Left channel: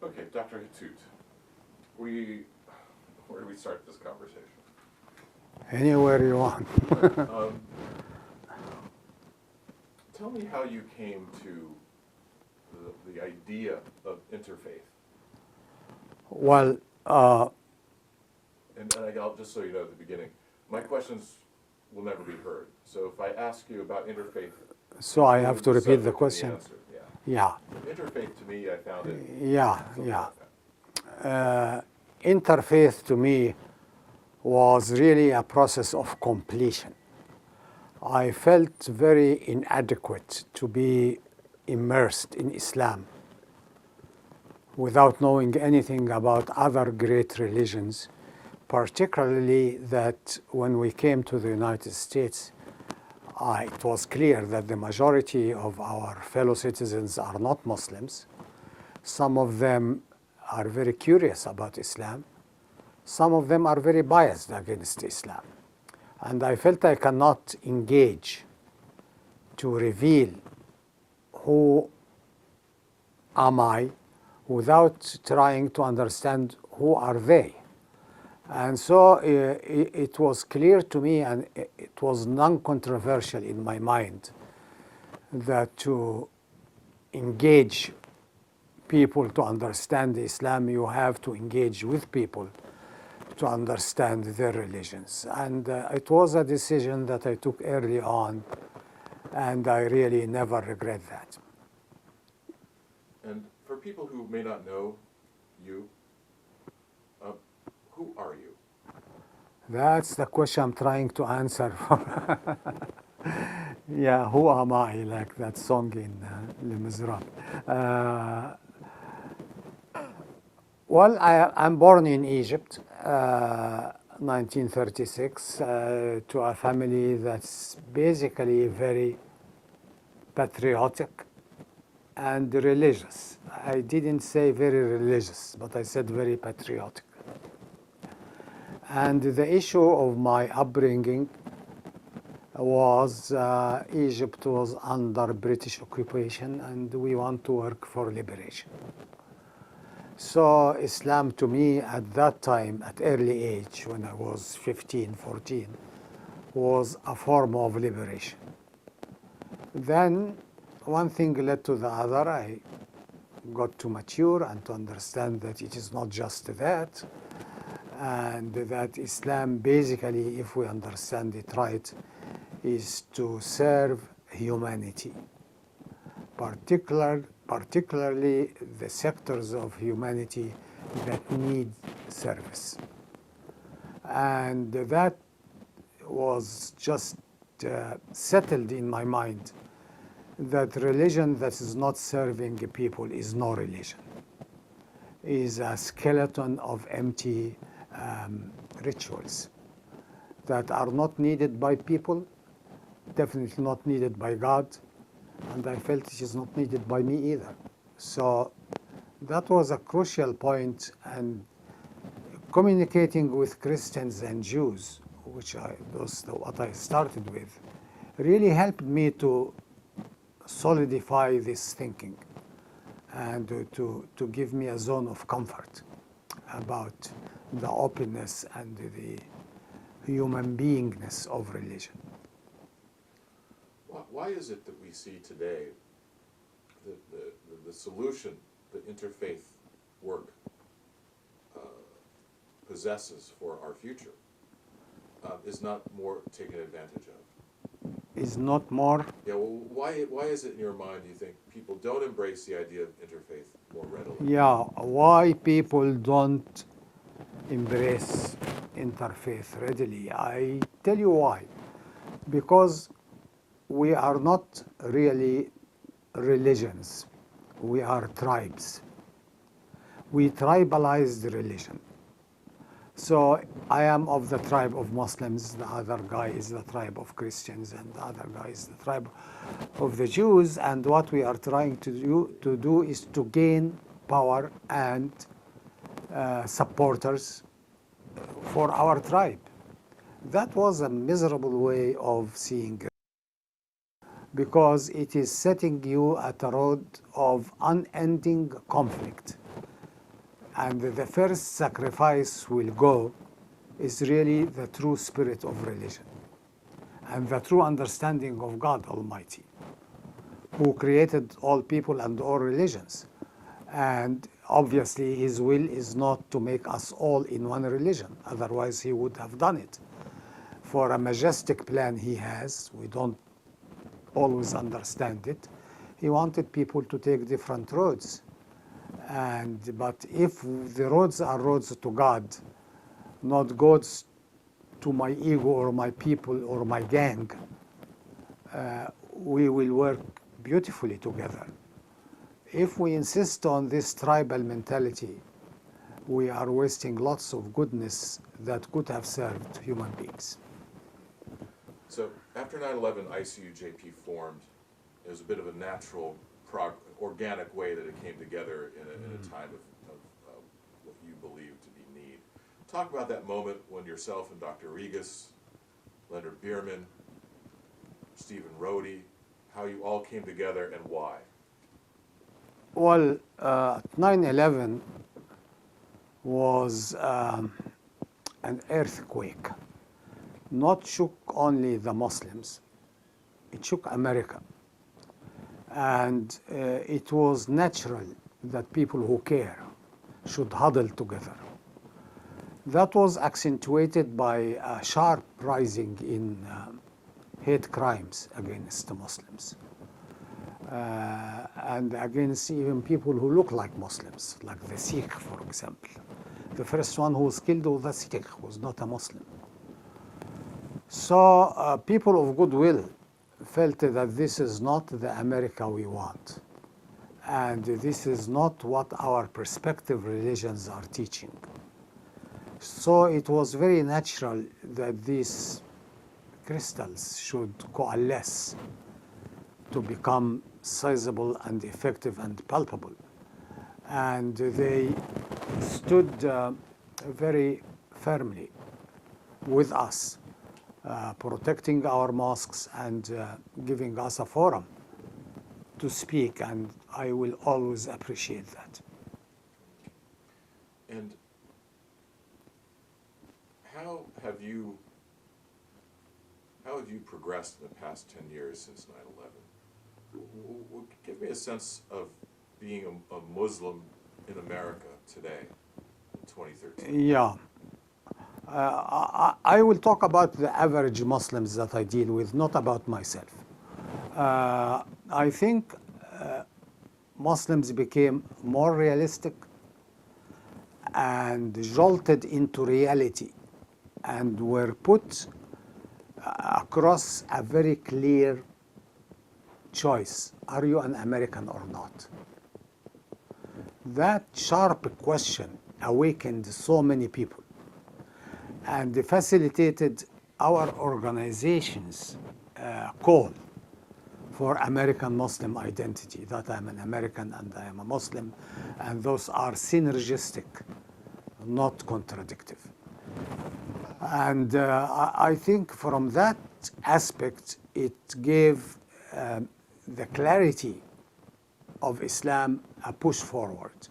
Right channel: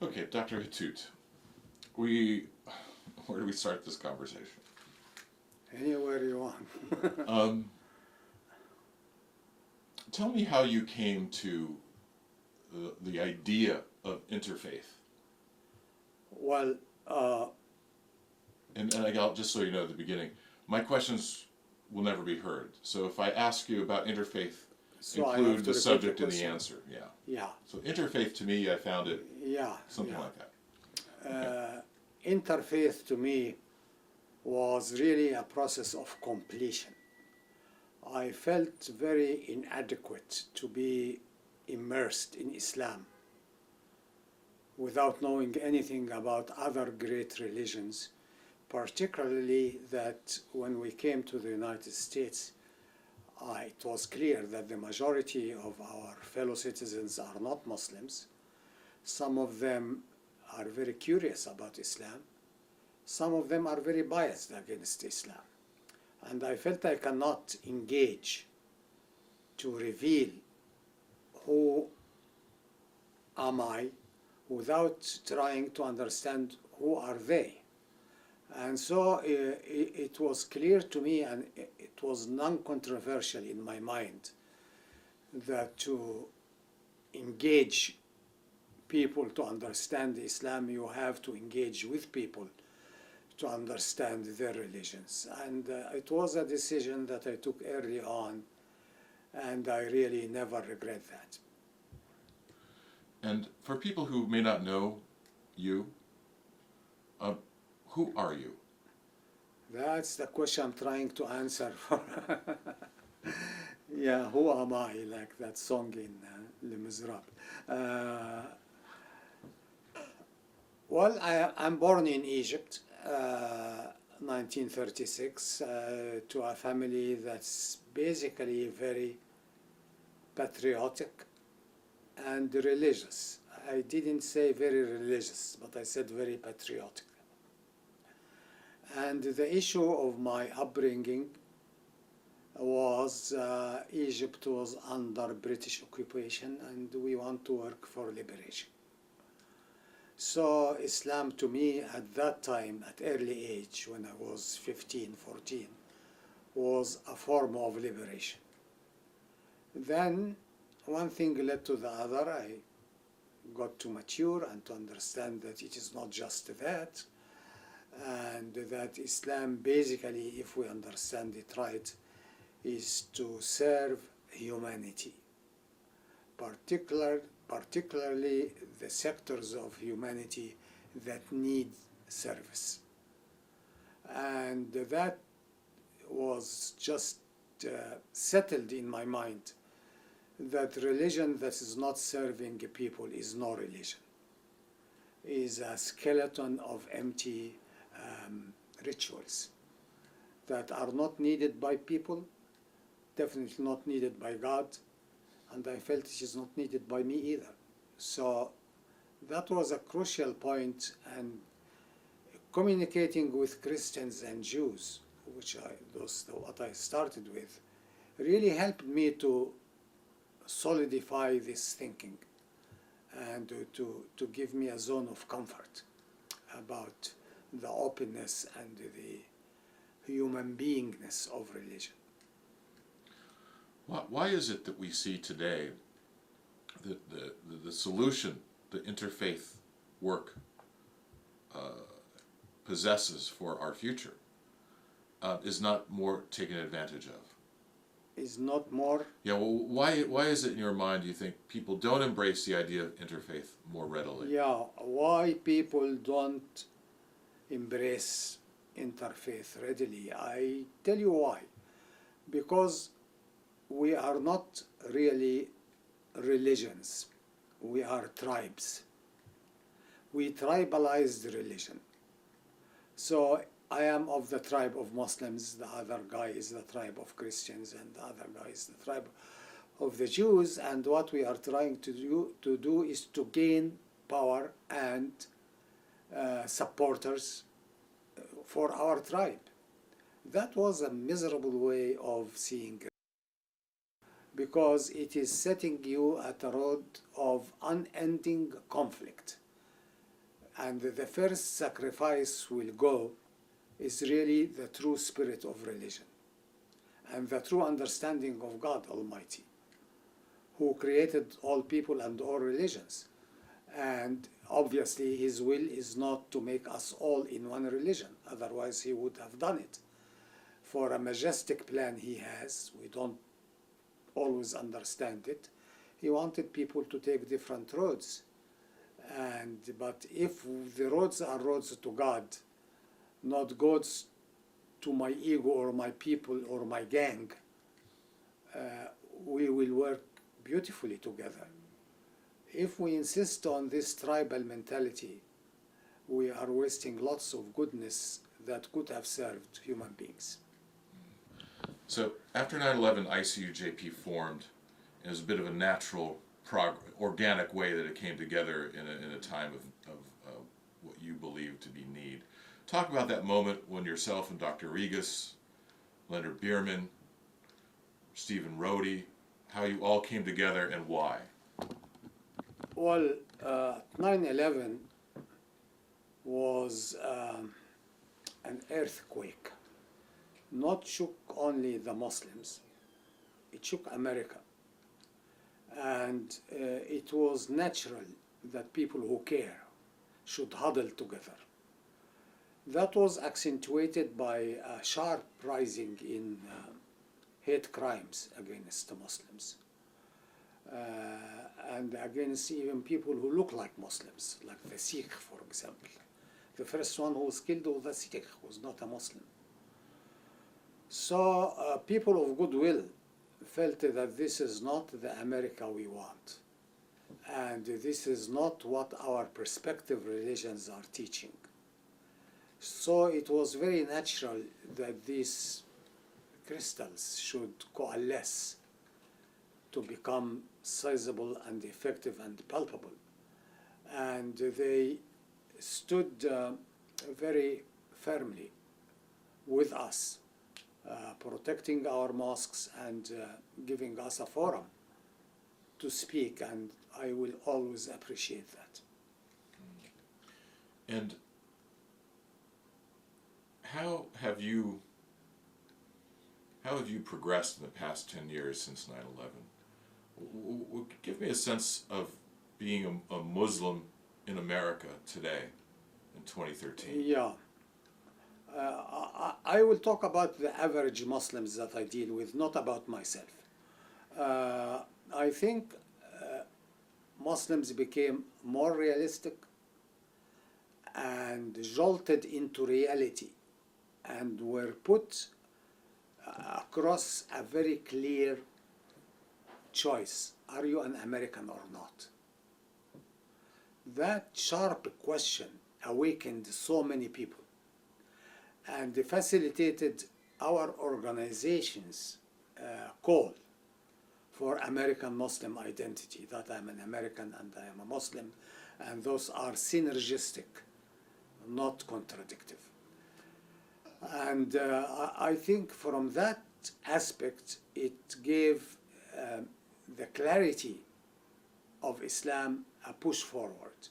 Okay, Dr. Hatut, where do we start this conversation? Anywhere you want. Um, Tell me how you came to the idea of interfaith. Well, And just so you know at the beginning, my questions will never be heard. So if I ask you about interfaith, so I have include to the repeat the subject and the question. answer. Yeah. Yeah, So interfaith to me, I found it yeah, something yeah. like that. Interfaith to me was really a process of completion. I felt very inadequate to be immersed in Islam without knowing anything about other great religions, particularly that when we came to the United States, it was clear that the majority of our fellow citizens are not Muslims. Some of them are very curious about Islam. Some of them are very biased against Islam. And I felt I cannot engage to reveal who am I without trying to understand who are they. And so it was clear to me, and it was non-controversial in my mind, that to engage people to understand Islam, you have to engage with people to understand their religions. And it was a decision that I took early on, and I really never regret that. And for people who may not know you, uh, who are you? That's the question I'm trying to answer for. Yeah, who am I? Like that song in Les Miserables. Well, I'm born in Egypt, 1936, to a family that's basically very patriotic and religious. I didn't say very religious, but I said very patriotic. And the issue of my upbringing was Egypt was under British occupation and we want to work for liberation. So Islam to me at that time, at early age, when I was 15, 14, was a form of liberation. Then one thing led to the other. I got to mature and to understand that it is not just that, and that Islam basically, if we understand it right, is to serve humanity, particularly the sectors of humanity that need service. And that was just settled in my mind that religion that is not serving people is no religion, is a skeleton of empty rituals that are not needed by people, definitely not needed by God, and I felt it is not needed by me either. So that was a crucial point, and communicating with Christians and Jews, which what I started with, really helped me to solidify this thinking and to give me a zone of comfort about the openness and the human beingness of religion. Why is it that we see today that the solution the interfaith work possesses for our future is not more taken advantage of? Is not more. Yeah, well, why is it in your mind, do you think, people don't embrace the idea of interfaith more readily? Yeah, why people don't embrace interfaith readily? I tell you why. Because we are not really religions, we are tribes. We tribalize the religion. So I am of the tribe of Muslims, the other guy is the tribe of Christians, and the other guy is the tribe of the Jews. And what we are trying to do is to gain power and supporters for our tribe. That was a miserable way of seeing it, because it is setting you at a road of unending conflict. And the first sacrifice will go is really the true spirit of religion and the true understanding of God Almighty, who created all people and all religions. And obviously his will is not to make us all in one religion, otherwise he would have done it. For a majestic plan he has, we don't always understand it, he wanted people to take different roads. But if the roads are roads to God, not roads to my ego or my people or my gang, we will work beautifully together. If we insist on this tribal mentality, we are wasting lots of goodness that could have served human beings. So after 9/11, ICUJP formed. It was a bit of a natural, organic way that it came together in a time of what you believe to be need. Talk about that moment when yourself and Dr. Regas, Leonard Bierman, Stephen Rohde, how you all came together and why. Well, 9/11 was an earthquake. Not shook only the Muslims, it shook America. And it was natural that people who care should huddle together. That was accentuated by a sharp rising in hate crimes against the Muslims. And against even people who look like Muslims, like the Sikh, for example. The first one who was killed was a Sikh, who was not a Muslim. So people of goodwill felt that this is not the America we want. And this is not what our perspective religions are teaching. So it was very natural that these crystals should coalesce to become sizable and effective and palpable. And they stood very firmly with us, protecting our mosques and giving us a forum to speak, and I will always appreciate that. And how have you progressed in the past 10 years since 9/11? Give me a sense of being a Muslim in America today in 2013. Yeah. I will talk about the average Muslims that I deal with, not about myself. I think Muslims became more realistic and jolted into reality and were put across a very clear choice. Are you an American or not? That sharp question awakened so many people and facilitated our organization's call for American Muslim identity, that I'm an American and I am a Muslim, and those are synergistic, not contradictory. And I think from that aspect, it gave the clarity of Islam a push forward.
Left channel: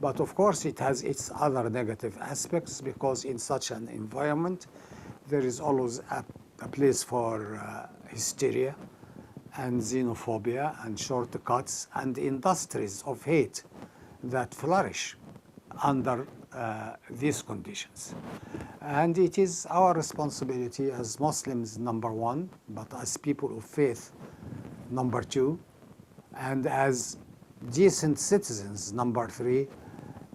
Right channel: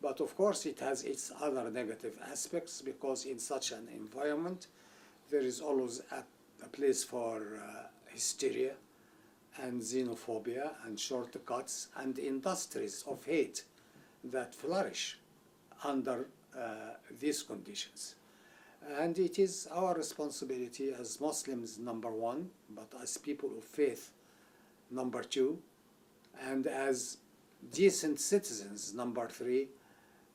But of course, it has its other negative aspects, because in such an environment, there is always a place for hysteria and xenophobia and shortcuts and industries of hate that flourish under these conditions. And it is our responsibility as Muslims, number one, but as people of faith, number two, and as decent citizens, number three,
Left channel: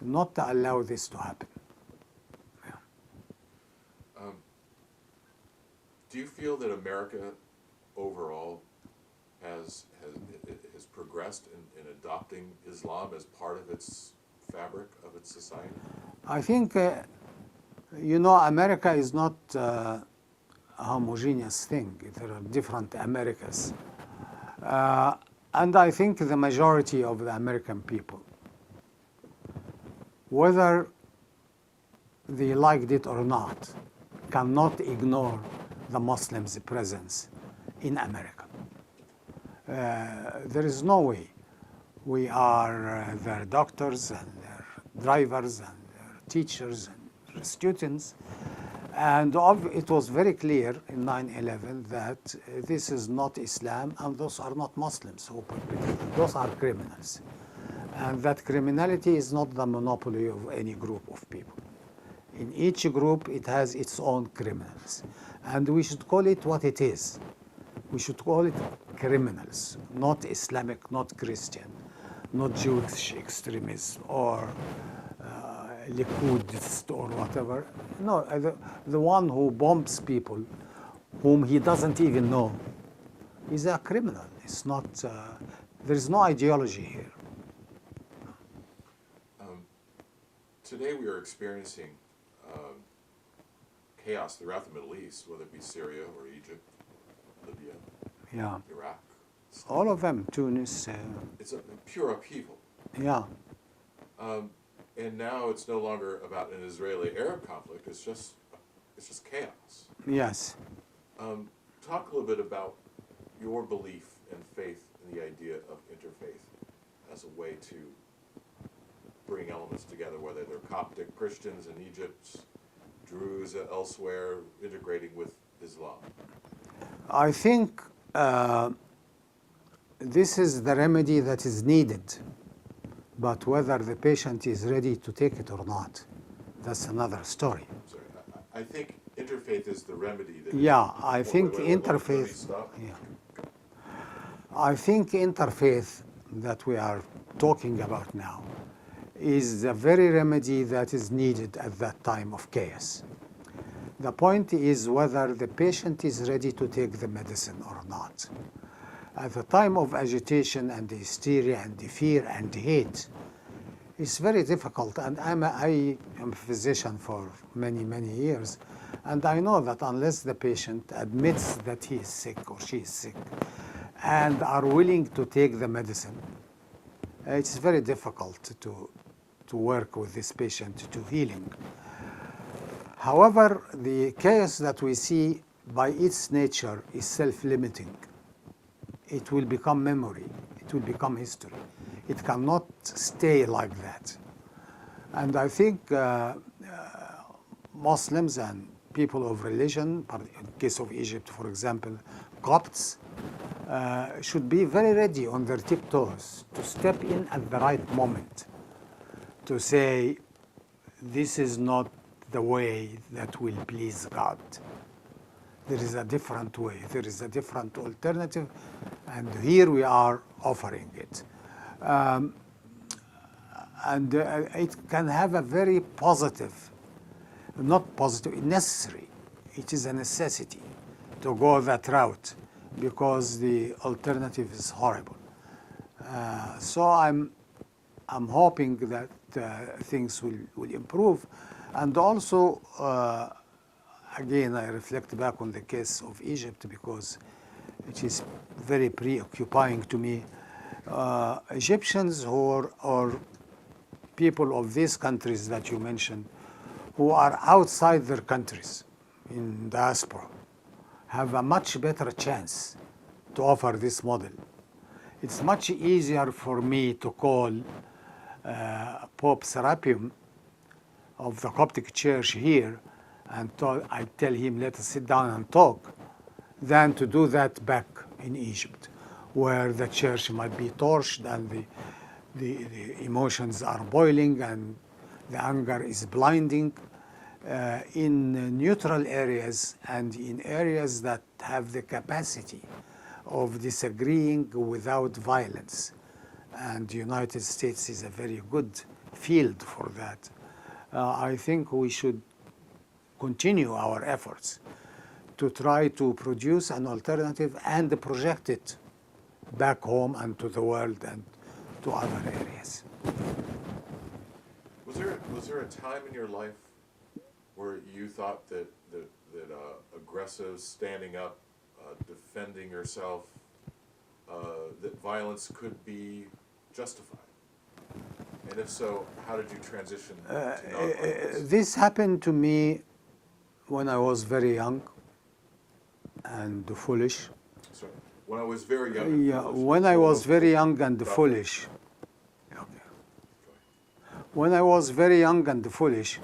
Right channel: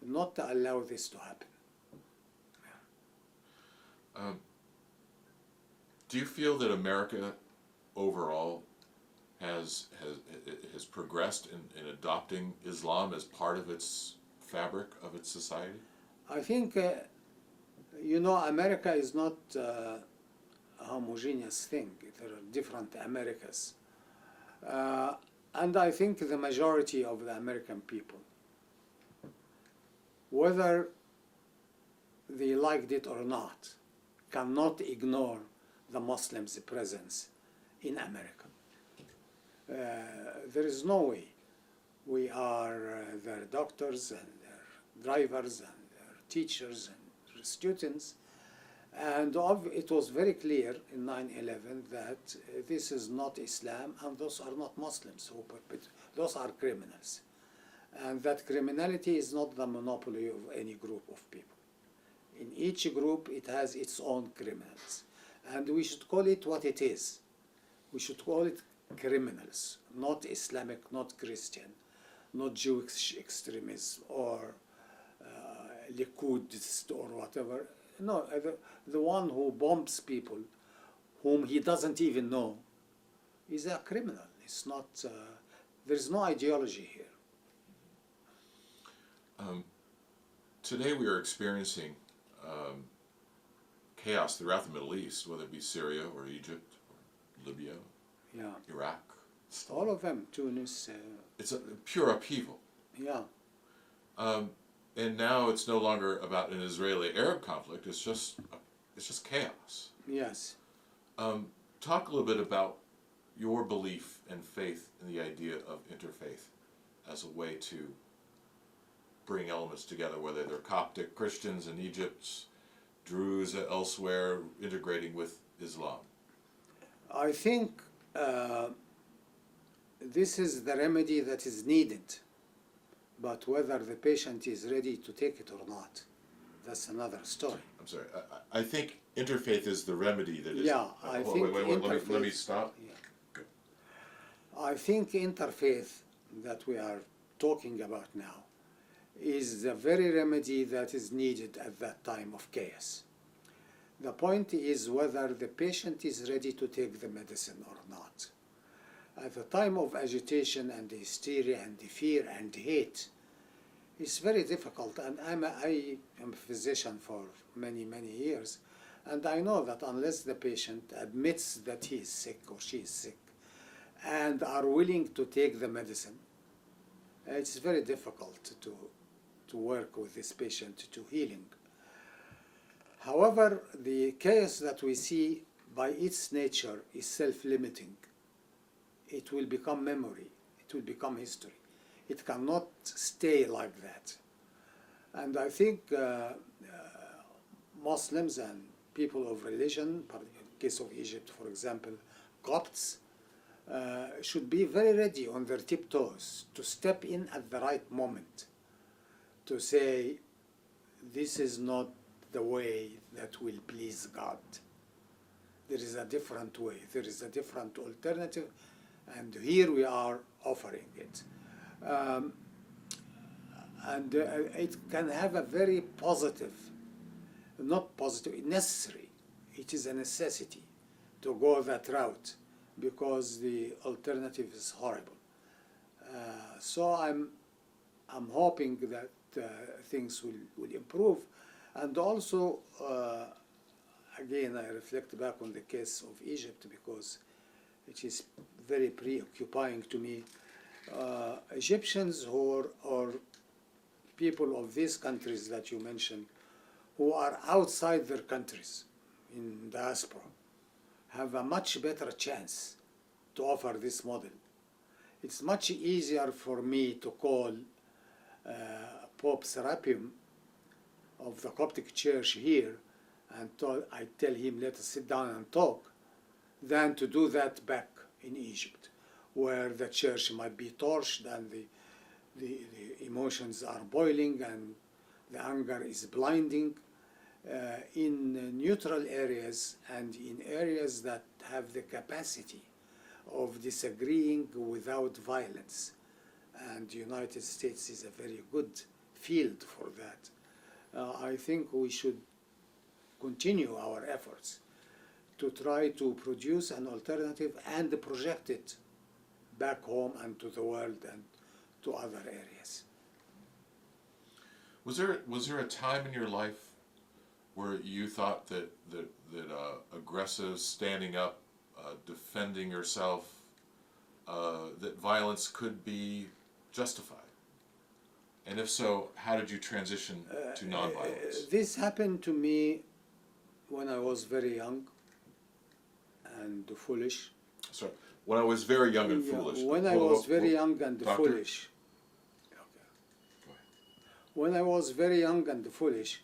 not to allow this to happen. Yeah. Do you feel that America overall has progressed in adopting Islam as part of its fabric of its society? I think, America is not a homogeneous thing. There are different Americas. And I think the majority of the American people, whether they liked it or not, cannot ignore the Muslims' presence in America. There is no way. We are their doctors and their drivers and their teachers and students. And it was very clear in 9/11 that this is not Islam and those are not Muslims who perpetrate. Those are criminals. And that criminality is not the monopoly of any group of people. In each group, it has its own criminals. And we should call it what it is. We should call it criminals, not Islamic, not Christian, not Jewish extremists or Likud or whatever. No, the one who bombs people whom he doesn't even know is a criminal. It's not, there is no ideology here. Today we are experiencing chaos throughout the Middle East, whether it be Syria or Egypt, Libya, Yeah, Iraq. all of them, Tunis. It's a pure upheaval. Yeah, And now it's no longer about an Israeli-Arab conflict. It's just chaos. yes. Talk a little bit about your belief and faith in the idea of interfaith as a way to bring elements together, whether they're Coptic Christians in Egypt, Druze elsewhere, integrating with Islam. I think this is the remedy that is needed, but whether the patient is ready to take it or not, that's another story. I'm sorry. I think interfaith is the remedy that is. Yeah, I think Let me interfaith. stop. Yeah. I think interfaith that we are talking about now is the very remedy that is needed at that time of chaos. The point is whether the patient is ready to take the medicine or not. At the time of agitation and hysteria and fear and hate, it's very difficult. And I am a physician for many, many years, and I know that unless the patient admits that he is sick or she is sick and are willing to take the medicine, it's very difficult to work with this patient to heal him. However, the chaos that we see by its nature is self-limiting. It will become memory. It will become history. It cannot stay like that. And I think Muslims and people of religion, in the case of Egypt, for example, Copts, should be very ready on their tiptoes to step in at the right moment to say, this is not the way that will please God. There is a different way. There is a different alternative, and here we are offering it. And it can have a very positive, not positive, necessary. It is a necessity to go that route because the alternative is horrible. So I'm hoping that things will improve. And also, again, I reflect back on the case of Egypt because it is very preoccupying to me. Egyptians or people of these countries that you mentioned who are outside their countries in diaspora have a much better chance to offer this model. It's much easier for me to call Pope Serapion of the Coptic Church here and I tell him, let us sit down and talk, than to do that back in Egypt, where the church might be torched and the emotions are boiling and the anger is blinding. In neutral areas and in areas that have the capacity of disagreeing without violence. And the United States is a very good field for that. I think we should continue our efforts to try to produce an alternative and project it back home and to the world and to other areas. Was there a time in your life where you thought that aggressive, standing up, defending yourself, that violence could be justified? And if so, how did you transition to nonviolence? This happened to me when I was very young and foolish. So, when I was very young and foolish. When I was very young and Doctor. foolish. When I was very young and foolish,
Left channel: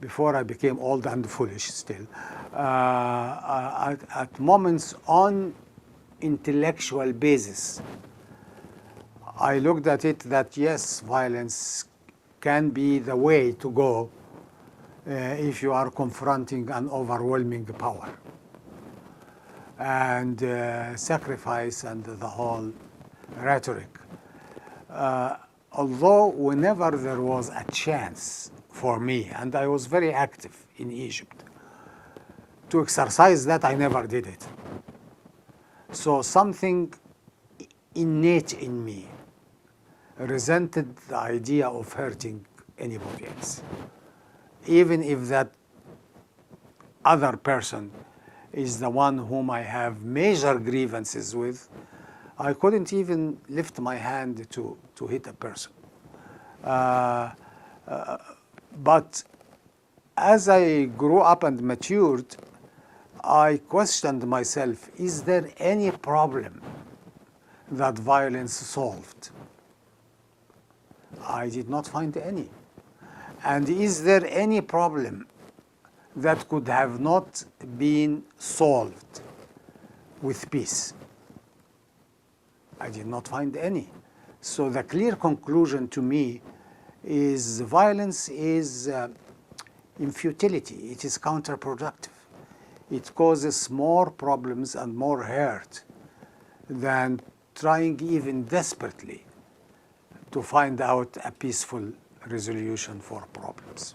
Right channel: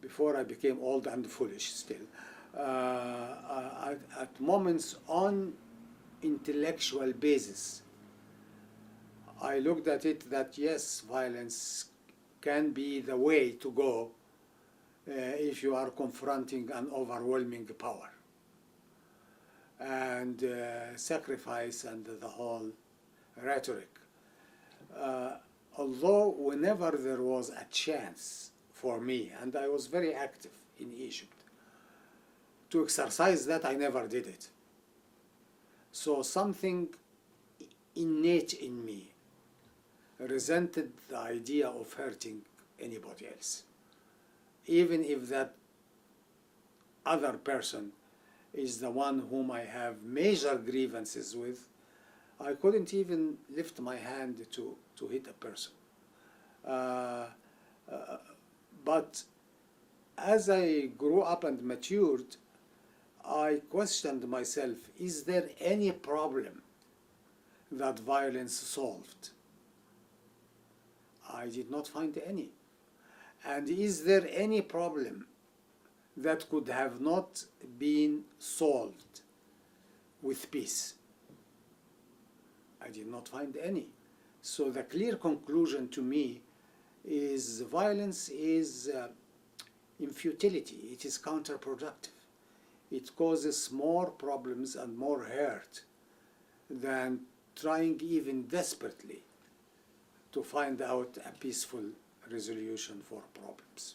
before I became old and foolish still, at moments on intellectual basis, I looked at it that yes, violence can be the way to go if you are confronting an overwhelming power. And sacrifice and the whole rhetoric. Although whenever there was a chance for me, and I was very active in Egypt, to exercise that, I never did it. So something innate in me resented the idea of hurting anybody else, even if that other person is the one whom I have major grievances with. I couldn't even lift my hand to hit a person. But as I grew up and matured, I questioned myself, is there any problem that violence solved? I did not find any. And is there any problem that could have not been solved with peace? I did not find any. So the clear conclusion to me is violence is in futility. It is counterproductive. It causes more problems and more hurt than trying even desperately to find out a peaceful resolution for problems.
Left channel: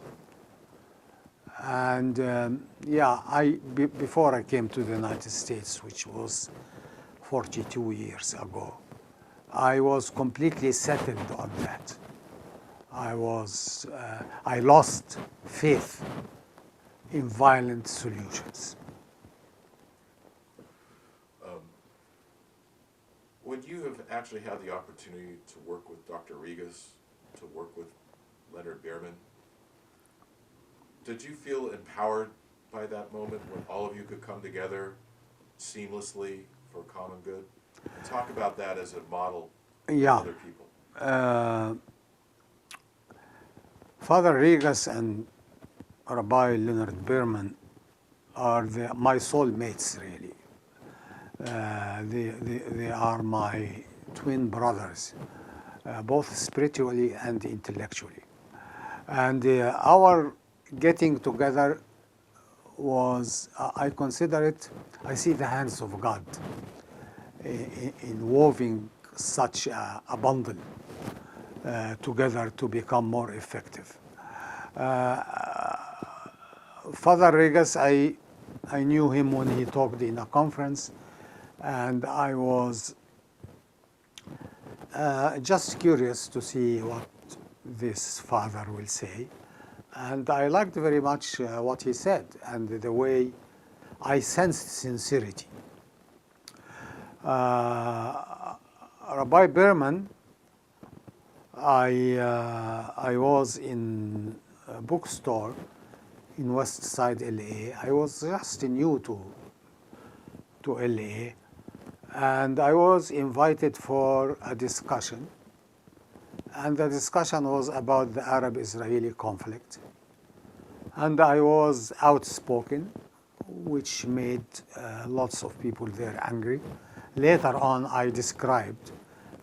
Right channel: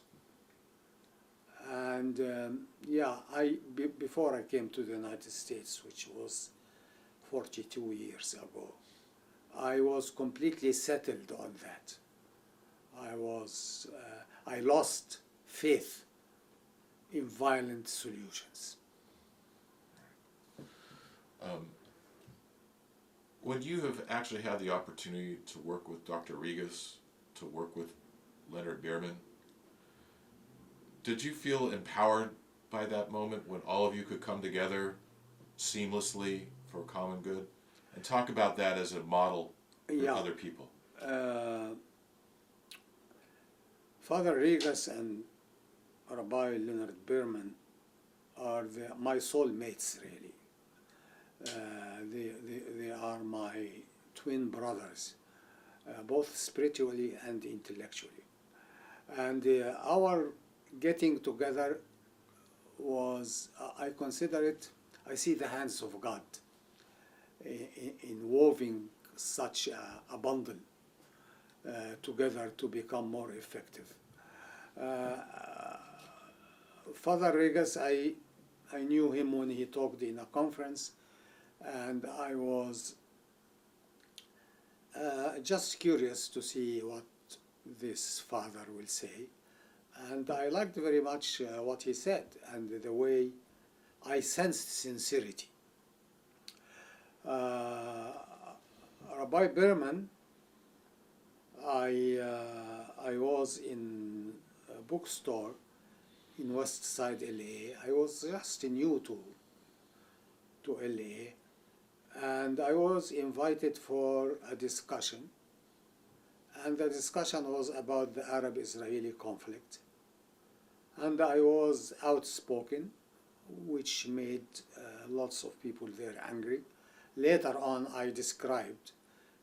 And yeah, before I came to the United States, which was 42 years ago, I was completely settled on that. I lost faith in violent solutions. When you have actually had the opportunity to work with Dr. Regas, to work with Leonard Behrman, did you feel empowered by that moment when all of you could come together seamlessly for common good? And talk about that as a model to other people. Father Regas and Rabbi Leonard Behrman are my soulmates, really. They are my twin brothers, both spiritually and intellectually. And our getting together was, I consider it, I see the hands of God in weaving such a bundle together to become more effective. Father Regas, I knew him when he talked in a conference, and I was just curious to see what this father will say. And I liked very much what he said and the way I sensed sincerity. Rabbi Behrman, I was in a bookstore in West Side, LA. I was just new to LA, and I was invited for a discussion. And the discussion was about the Arab-Israeli conflict. And I was outspoken, which made lots of people there angry. Later on, I described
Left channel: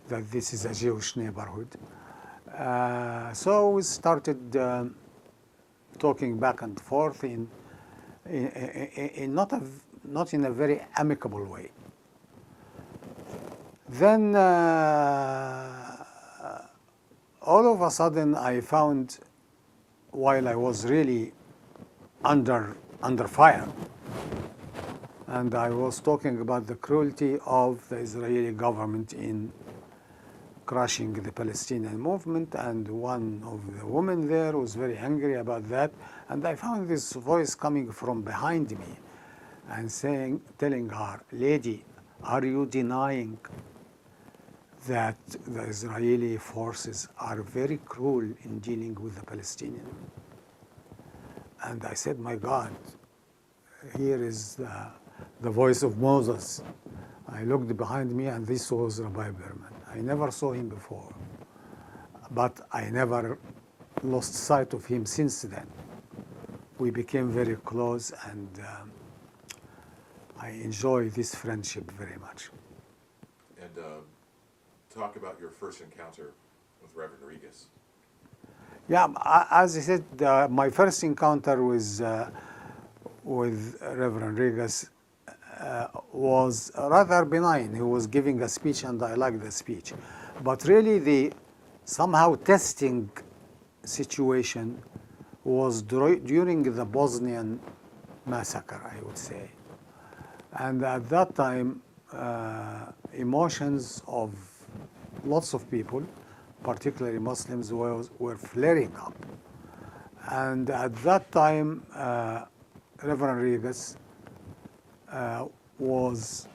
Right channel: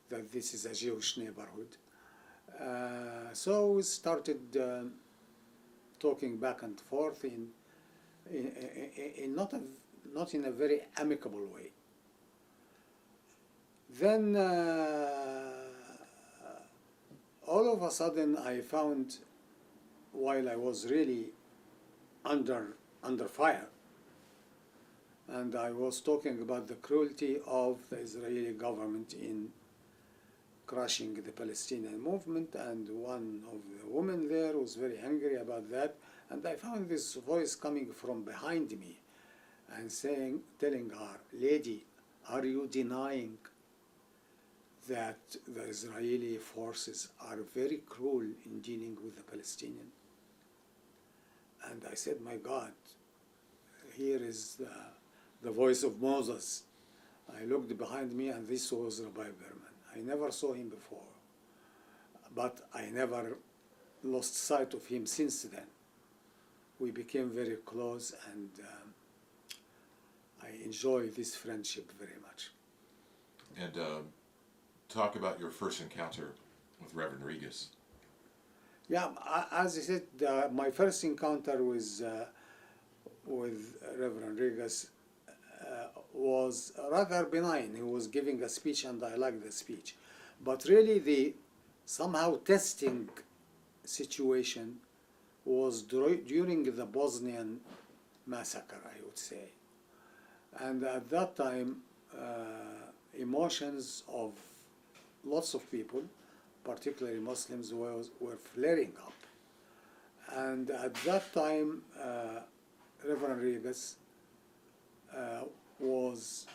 that this is a Jewish neighborhood. So we started talking back and forth in not in a very amicable way. Then all of a sudden I found, while I was really under fire, and I was talking about the cruelty of the Israeli government in crushing the Palestinian movement, and one of the women there was very angry about that, and I found this voice coming from behind me and telling her, "Lady, are you denying that the Israeli forces are very cruel in dealing with the Palestinians?" And I said, "My God, here is the voice of Moses." I looked behind me, and this was Rabbi Behrman. I never saw him before, but I never lost sight of him since then. We became very close, and I enjoy this friendship very much. And talk about your first encounter with Reverend Regas. Yeah, as I said, my first encounter with Reverend Regas was rather benign. He was giving a speech, and I liked the speech. But really, the somehow testing situation was during the Bosnian massacre, I would say. And at that time, emotions of lots of people, particularly Muslims, were flaring up. And at that time, Reverend Regas was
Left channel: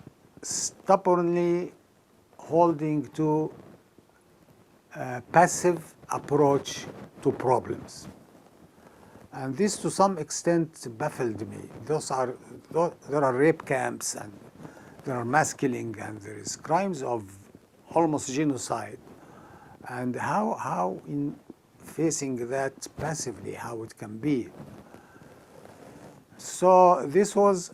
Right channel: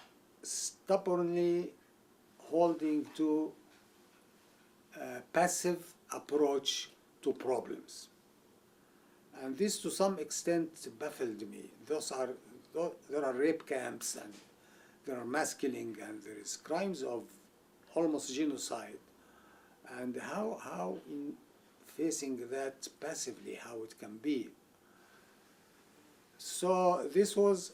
stubbornly holding to a passive approach to problems. And this, to some extent, baffled me. There are rape camps, and there are mass killing, and there is crimes of almost genocide. And how in facing that passively, how it can be. So this was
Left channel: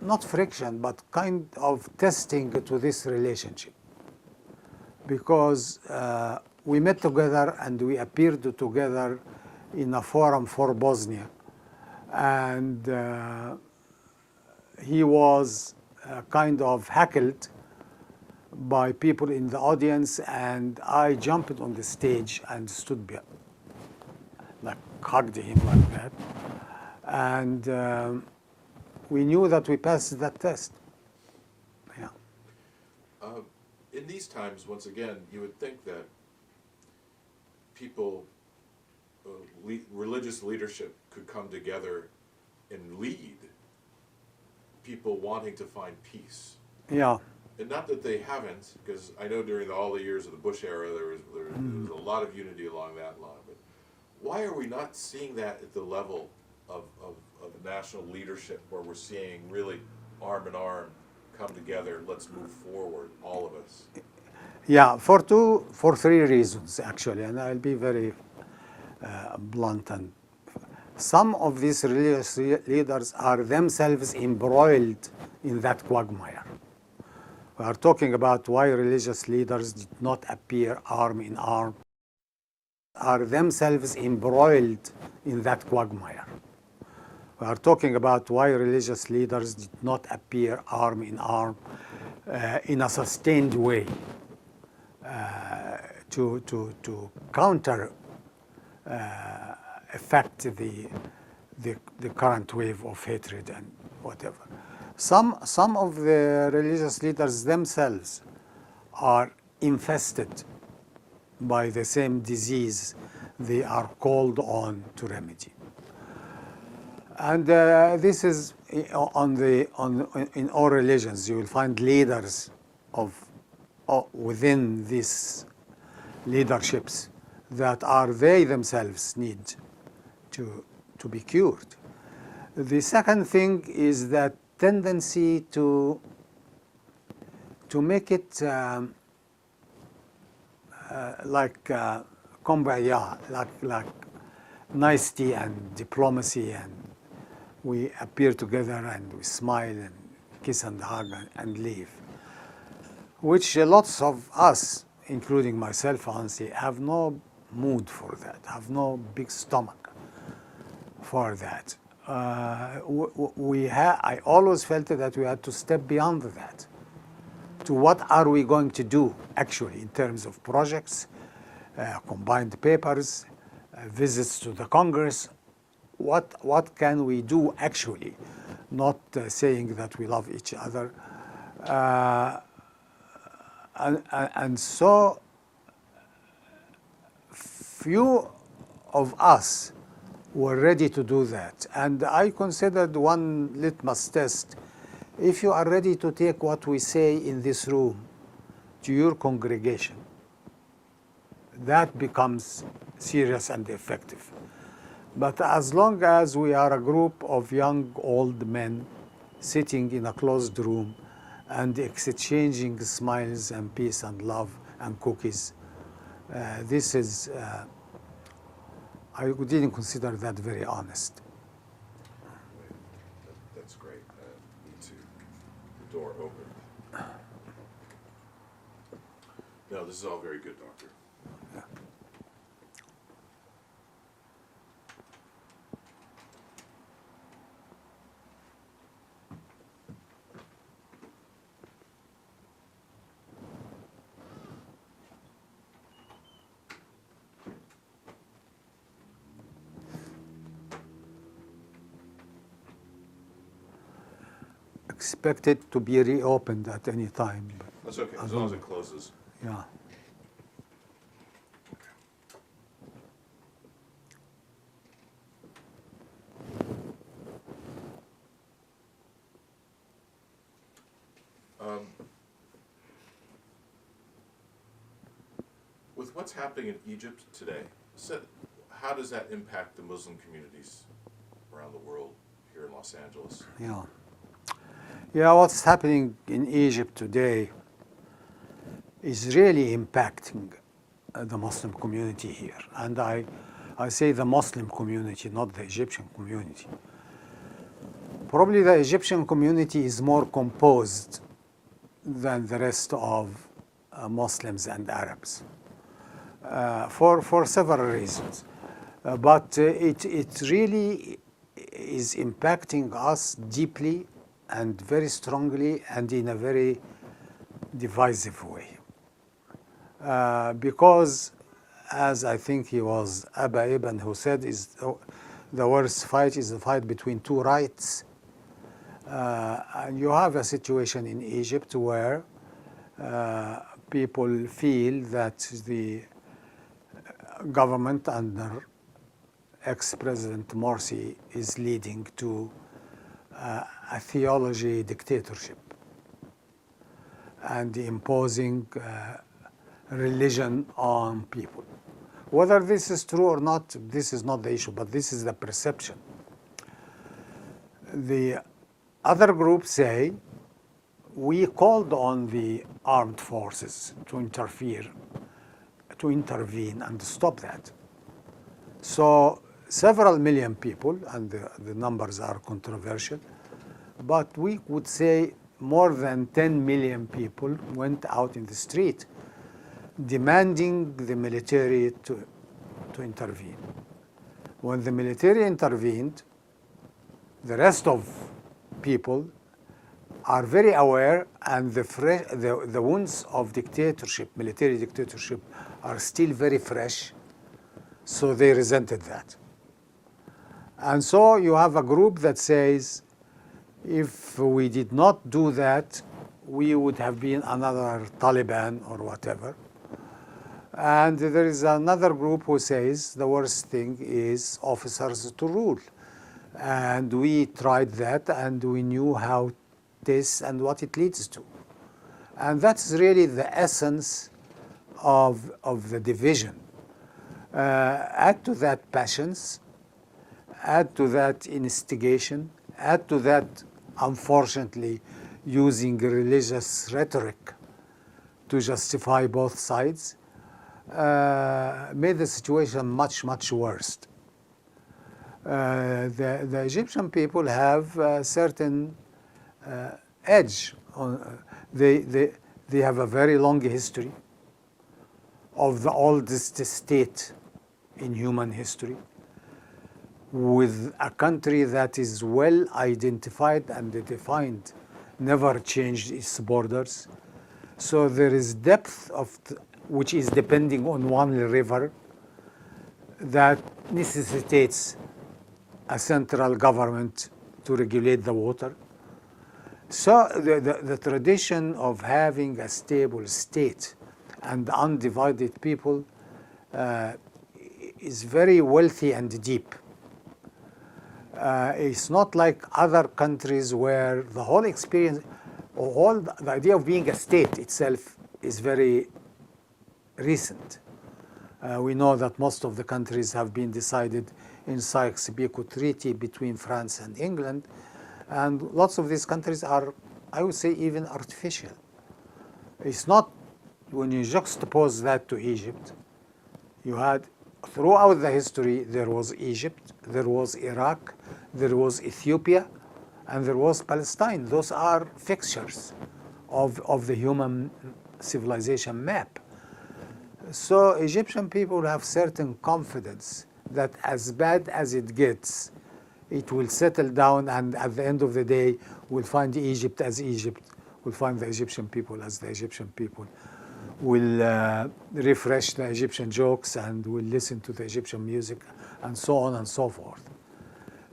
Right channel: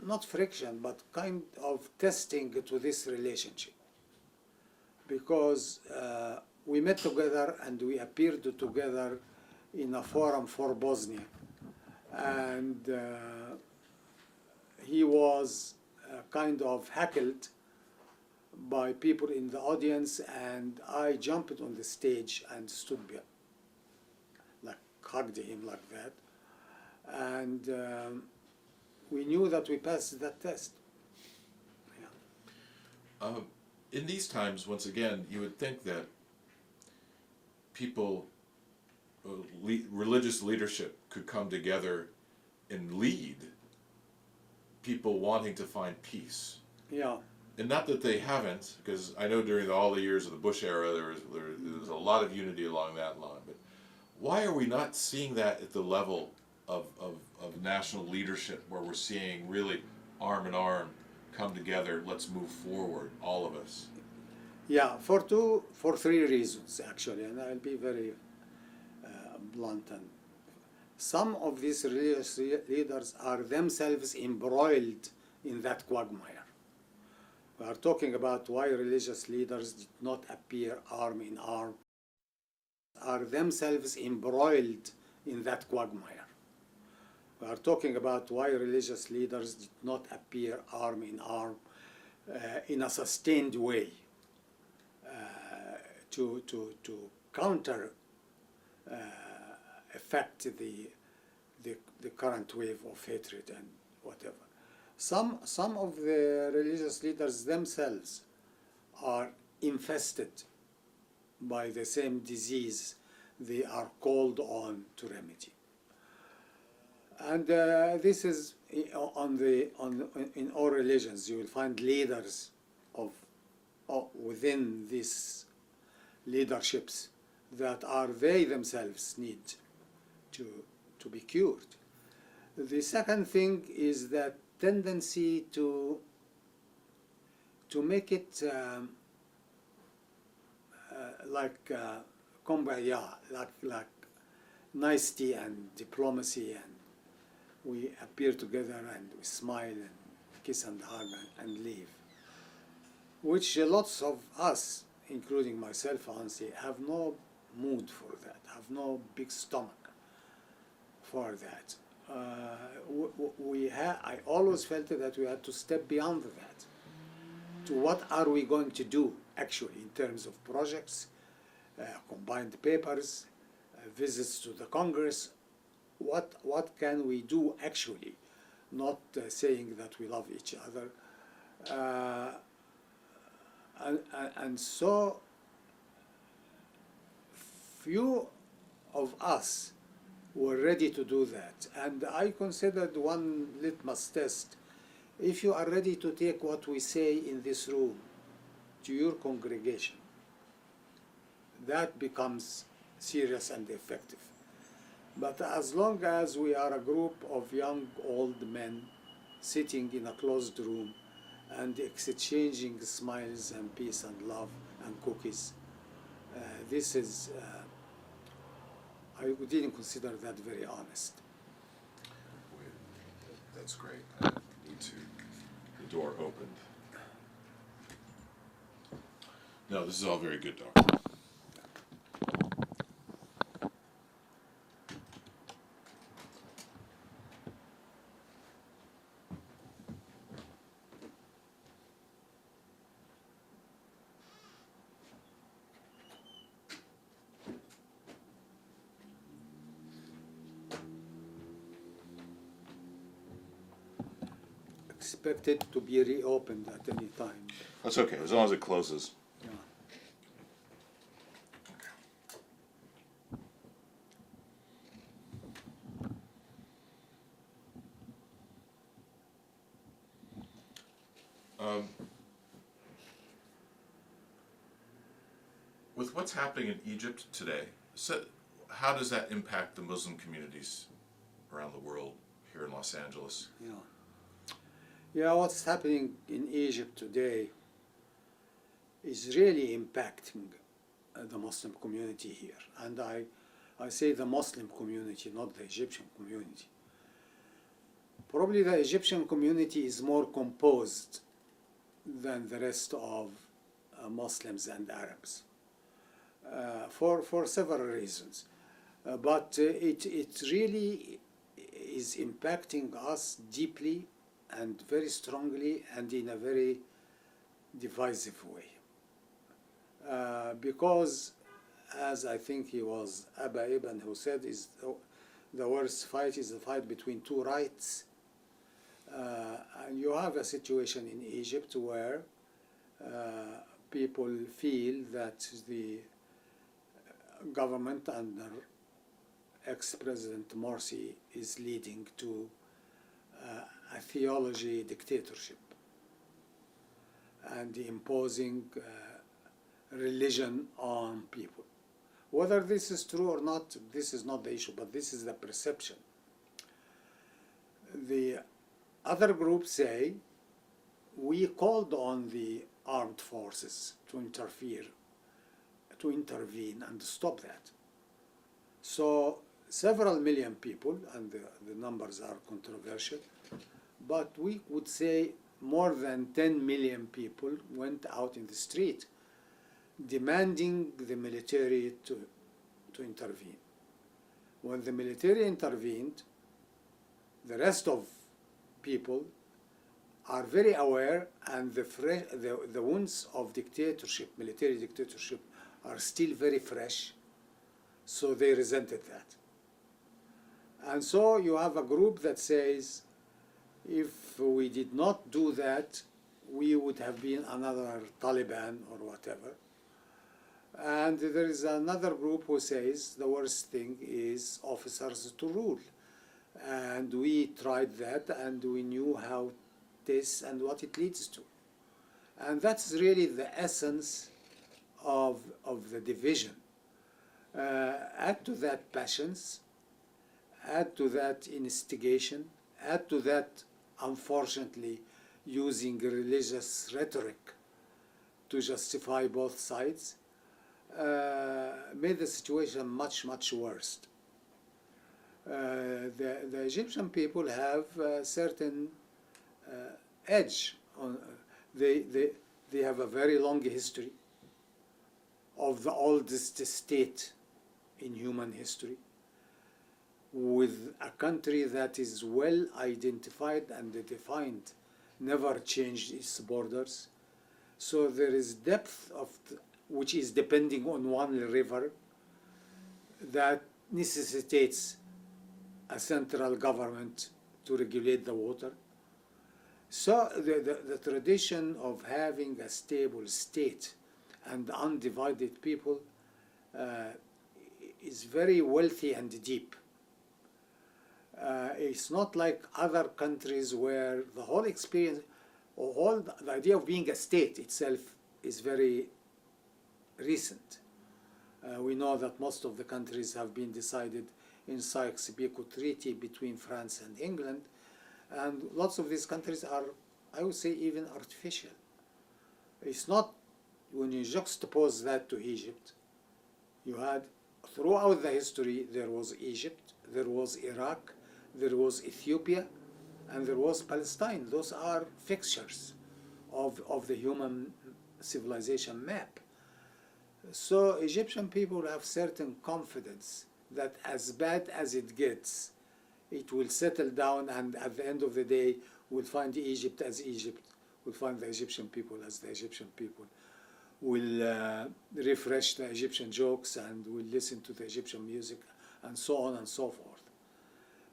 not friction, but kind of testing to this relationship. Because we met together and we appeared together in a forum for Bosnia. And he was kind of heckled by people in the audience, and I jumped on the stage and stood behind, like hugged him like that. And we knew that we passed that test. Yeah. In these times, once again, you would think that people, religious leadership could come together and lead people wanting to find peace. Yeah. And not that they haven't, because I know during all the years of the Bush era, there was a lot of unity along that line. But why are we not seeing that at the level of national leadership, where we're seeing really arm in arm come together, let's move forward, all of us? Yeah, for three reasons, actually, and I'll be very blunt. And some of these religious leaders are themselves embroiled in that quagmire. We are talking about why religious leaders did not appear arm in arm, are themselves embroiled in that quagmire. We are talking about why religious leaders did not appear arm in arm in a sustained way to counter affect the current wave of hatred and whatever. Some of the religious leaders themselves are infested by the same disease they are called on to remedy. And this is in all religions. You will find leaders within these leaderships that they themselves need to be cured. The second thing is that tendency to make it like kumbaya, like nicety and diplomacy, and we appear together and we smile and kiss and hug and leave, which lots of us, including myself, honestly, have no mood for that, have no big stomach for that. I always felt that we had to step beyond that to what are we going to do actually in terms of projects, combined papers, visits to the Congress. What can we do actually, not saying that we love each other. And so few of us were ready to do that. And I considered one litmus test: if you are ready to take what we say in this room to your congregation, that becomes serious and effective. But as long as we are a group of young, old men sitting in a closed room and exchanging smiles and peace and love and cookies, this is I didn't consider that very honest. Wait, that's great. I need to. The door opened. No, this is all very good, Doctor. Expect it to be reopened at any time. That's okay, as long as it closes. Yeah. With what's happening in Egypt today, how does that impact the Muslim communities around the world, here in Los Angeles? Yeah. Yeah, what's happening in Egypt today is really impacting the Muslim community here. And I say the Muslim community, not the Egyptian community. Probably the Egyptian community is more composed than the rest of Muslims and Arabs for several reasons. But it really is impacting us deeply and very strongly and in a very divisive way. Because, as I think he was Abba Ibn who said, is the worst fight is the fight between two rights. And you have a situation in Egypt where people feel that the government under ex-President Morsi is leading to a theology dictatorship and imposing religion on people. Whether this is true or not, this is not the issue, but this is the perception. The other groups say, we called on the armed forces to intervene and stop that. So several million people, and the numbers are controversial, but we would say more than 10 million people went out in the street demanding the military to intervene. When the military intervened, the rest of people are very aware, and the wounds of dictatorship, military dictatorship, are still very fresh, so they resented that. And so you have a group that says, if we did not do that, we would have been another Taliban or whatever. And there is another group who says the worst thing is officers to rule. And we tried that, and we knew how this and what it leads to. And that's really the essence of the division. Add to that passions, add to that instigation, add to that, unfortunately, using religious rhetoric to justify both sides, made the situation much, much worse. The Egyptian people have a certain edge. They have a very long history of the oldest state in human history, with a country that is well identified and defined, never changed its borders. So there is depth which is depending on one river that necessitates a central government to regulate the water. So the tradition of having a stable state and undivided people is very wealthy and deep. It's not like other countries where the whole experience, or the idea of being a state itself is very recent. We know that most of the countries have been decided in Sykes-Picot Treaty between France and England, and lots of these countries are, I would say, even artificial. It's not, when you juxtapose that to Egypt, you had throughout the history, there was Egypt, there was Iraq, there was Ethiopia, and there was Palestine. Those are fixtures of the human civilization map. So Egyptian people have certain confidence that as bad as it gets, it will settle down, and at the end of the day, we'll find Egypt as Egypt. We'll find the Egyptian people as the Egyptian people. We'll refresh the Egyptian jokes, and we'll listen to the Egyptian music, and so on and so forth.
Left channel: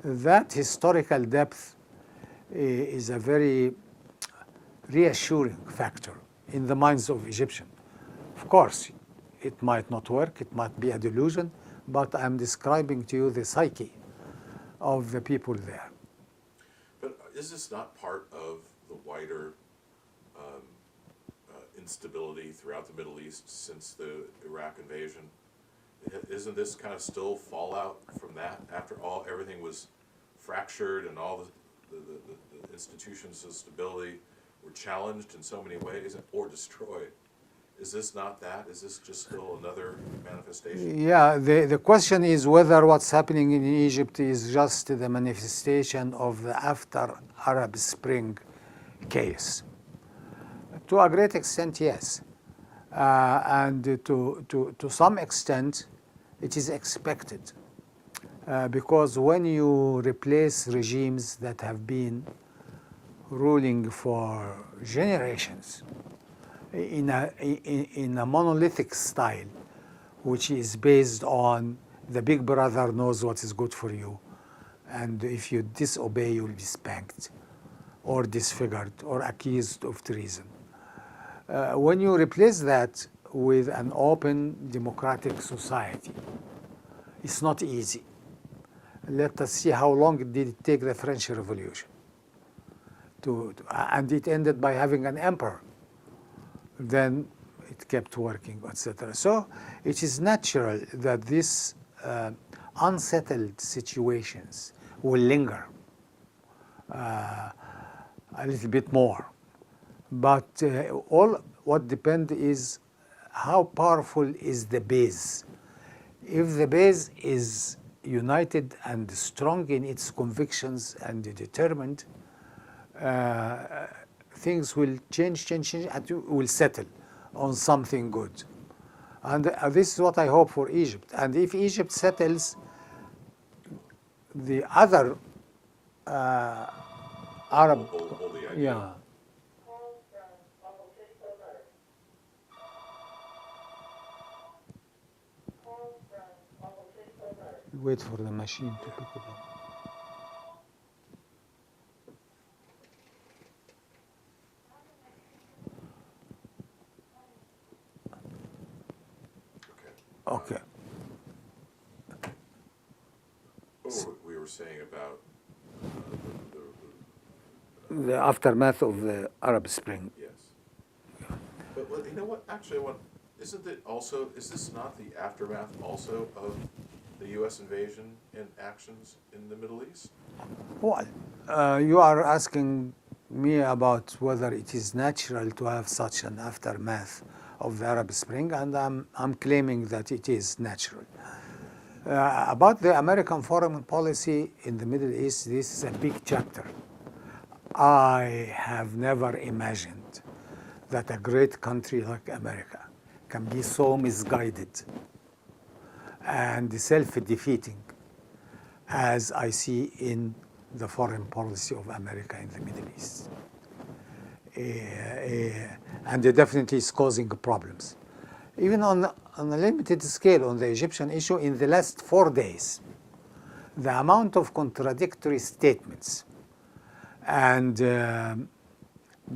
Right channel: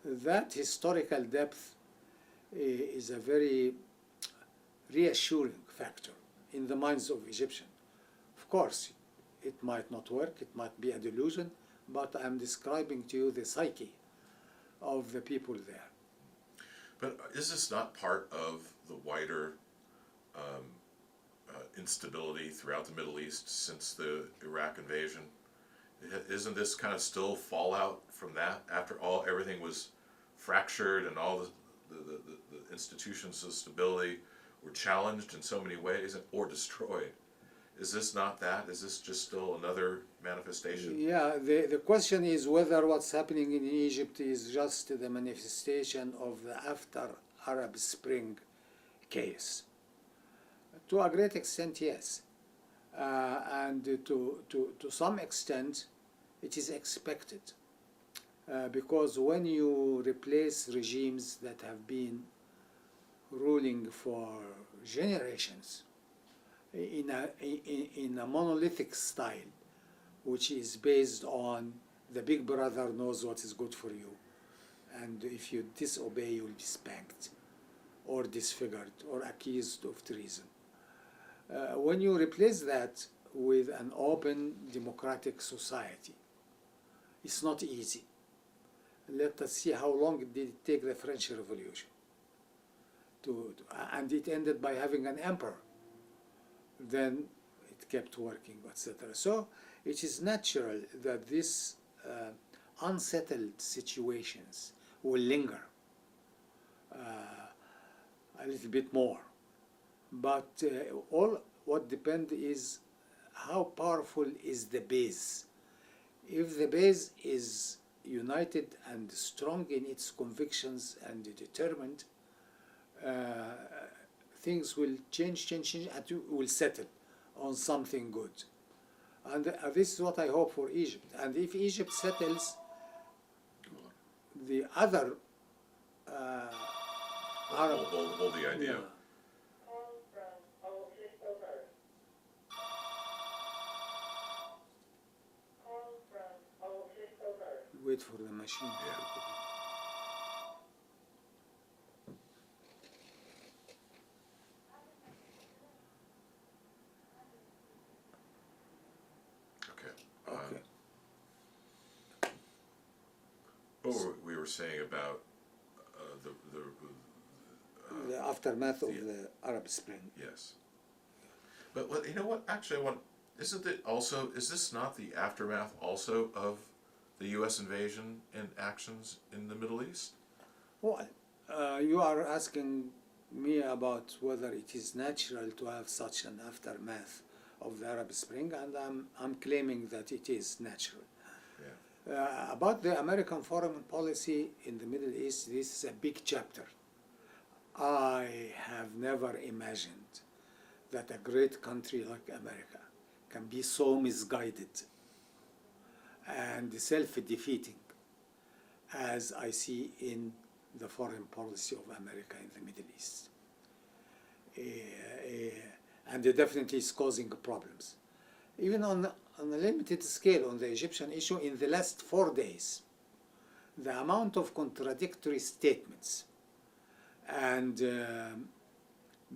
That historical depth is a very reassuring factor in the minds of Egyptians. Of course, it might not work, it might be a delusion, but I'm describing to you the psyche of the people there. But is this not part of the wider instability throughout the Middle East since the Iraq invasion? Isn't this kind of still fallout from that? After all, everything was fractured and all the institutions of stability were challenged in so many ways or destroyed. Is this not that? Is this just still another manifestation? Yeah, the question is whether what's happening in Egypt is just the manifestation of the after Arab Spring chaos. To a great extent, yes. And to some extent, it is expected. Because when you replace regimes that have been ruling for generations in a monolithic style, which is based on the big brother knows what is good for you, and if you disobey, you will be spanked or disfigured or accused of treason. When you replace that with an open democratic society, it's not easy. Let us see how long did it take the French Revolution. And it ended by having an emperor. Then it kept working, etc. So it is natural that these unsettled situations will linger a little bit more. But all what depends is how powerful is the base. If the base is united and strong in its convictions and determined, things will change, and will settle on something good. And this is what I hope for Egypt. And if Egypt settles, the other Arab, Hold the idea. yeah. Wait for the machine to pick it up. Okay. What we were saying about The aftermath of the Arab Spring. yes. But you know what? Actually, isn't it also? Is this not the aftermath also of the U.S. invasion and actions in the Middle East? Well, you are asking me about whether it is natural to have such an aftermath of the Arab Spring, and I'm claiming that it is natural. About the American foreign policy in the Middle East, this is a big chapter. I have never imagined that a great country like America can be so misguided and self-defeating as I see in the foreign policy of America in the Middle East. And it definitely is causing problems. Even on a limited scale on the Egyptian issue, in the last 4 days, the amount of contradictory statements and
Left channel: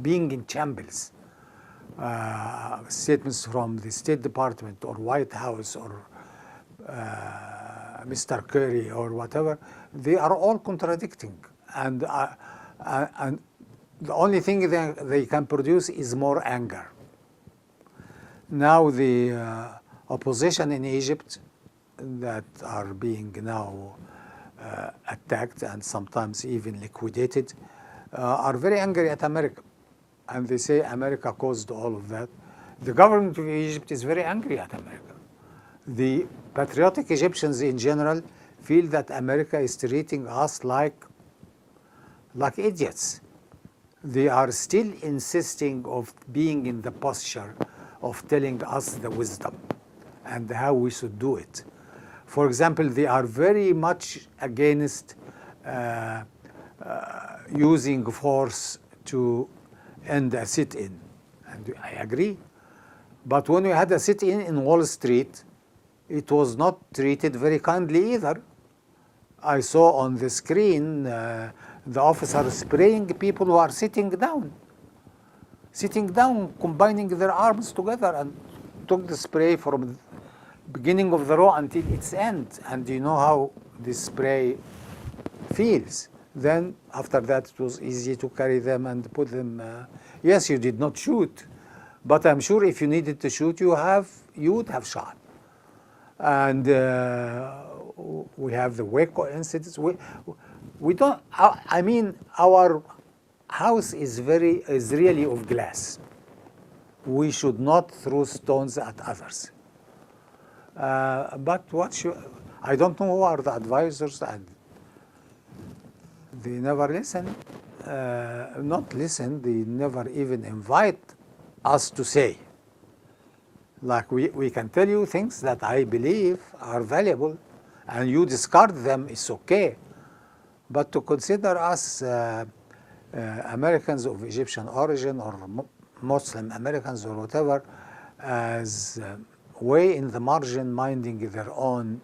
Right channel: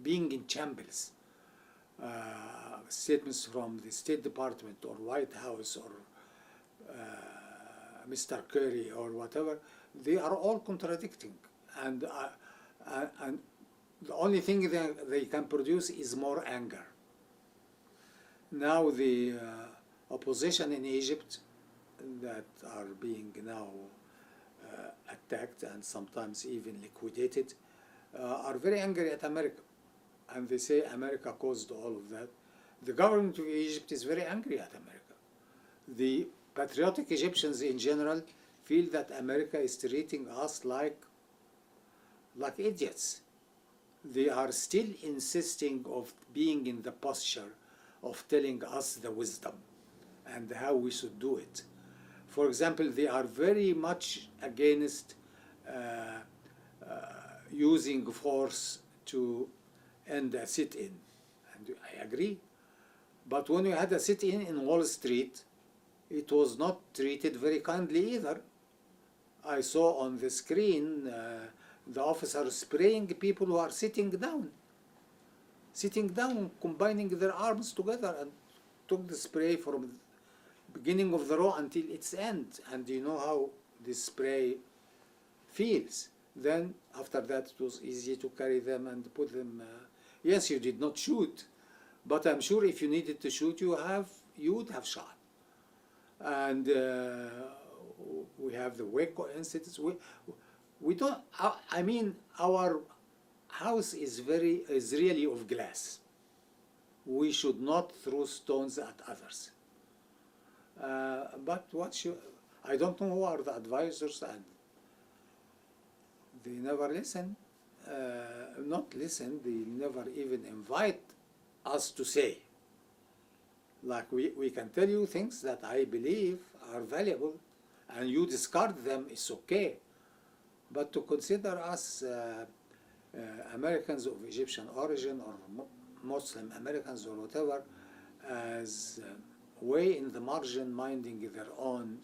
being in shambles, statements from the State Department or White House or Mr. Kerry or whatever, they are all contradicting. And the only thing they can produce is more anger. Now the opposition in Egypt that are being now attacked and sometimes even liquidated are very angry at America. And they say America caused all of that. The government of Egypt is very angry at America. The patriotic Egyptians in general feel that America is treating us like idiots. They are still insisting of being in the posture of telling us the wisdom and how we should do it. For example, they are very much against using force to end a sit-in. And I agree. But when we had a sit-in in Wall Street, it was not treated very kindly either. I saw on the screen the officer spraying people who are sitting down, combining their arms together, and took the spray from beginning of the row until its end. And you know how this spray feels. Then after that, it was easy to carry them and put them. Yes, you did not shoot, but I'm sure if you needed to shoot, you would have shot. And we have the Waco incidents. We don't. I mean, our house is really of glass. We should not throw stones at others. But I don't know who are the advisors, and they never listen. Not listen. They never even invite us to say. Like we can tell you things that I believe are valuable, and you discard them, it's okay. But to consider us Americans of Egyptian origin or Muslim Americans or whatever as way in the margin, minding their own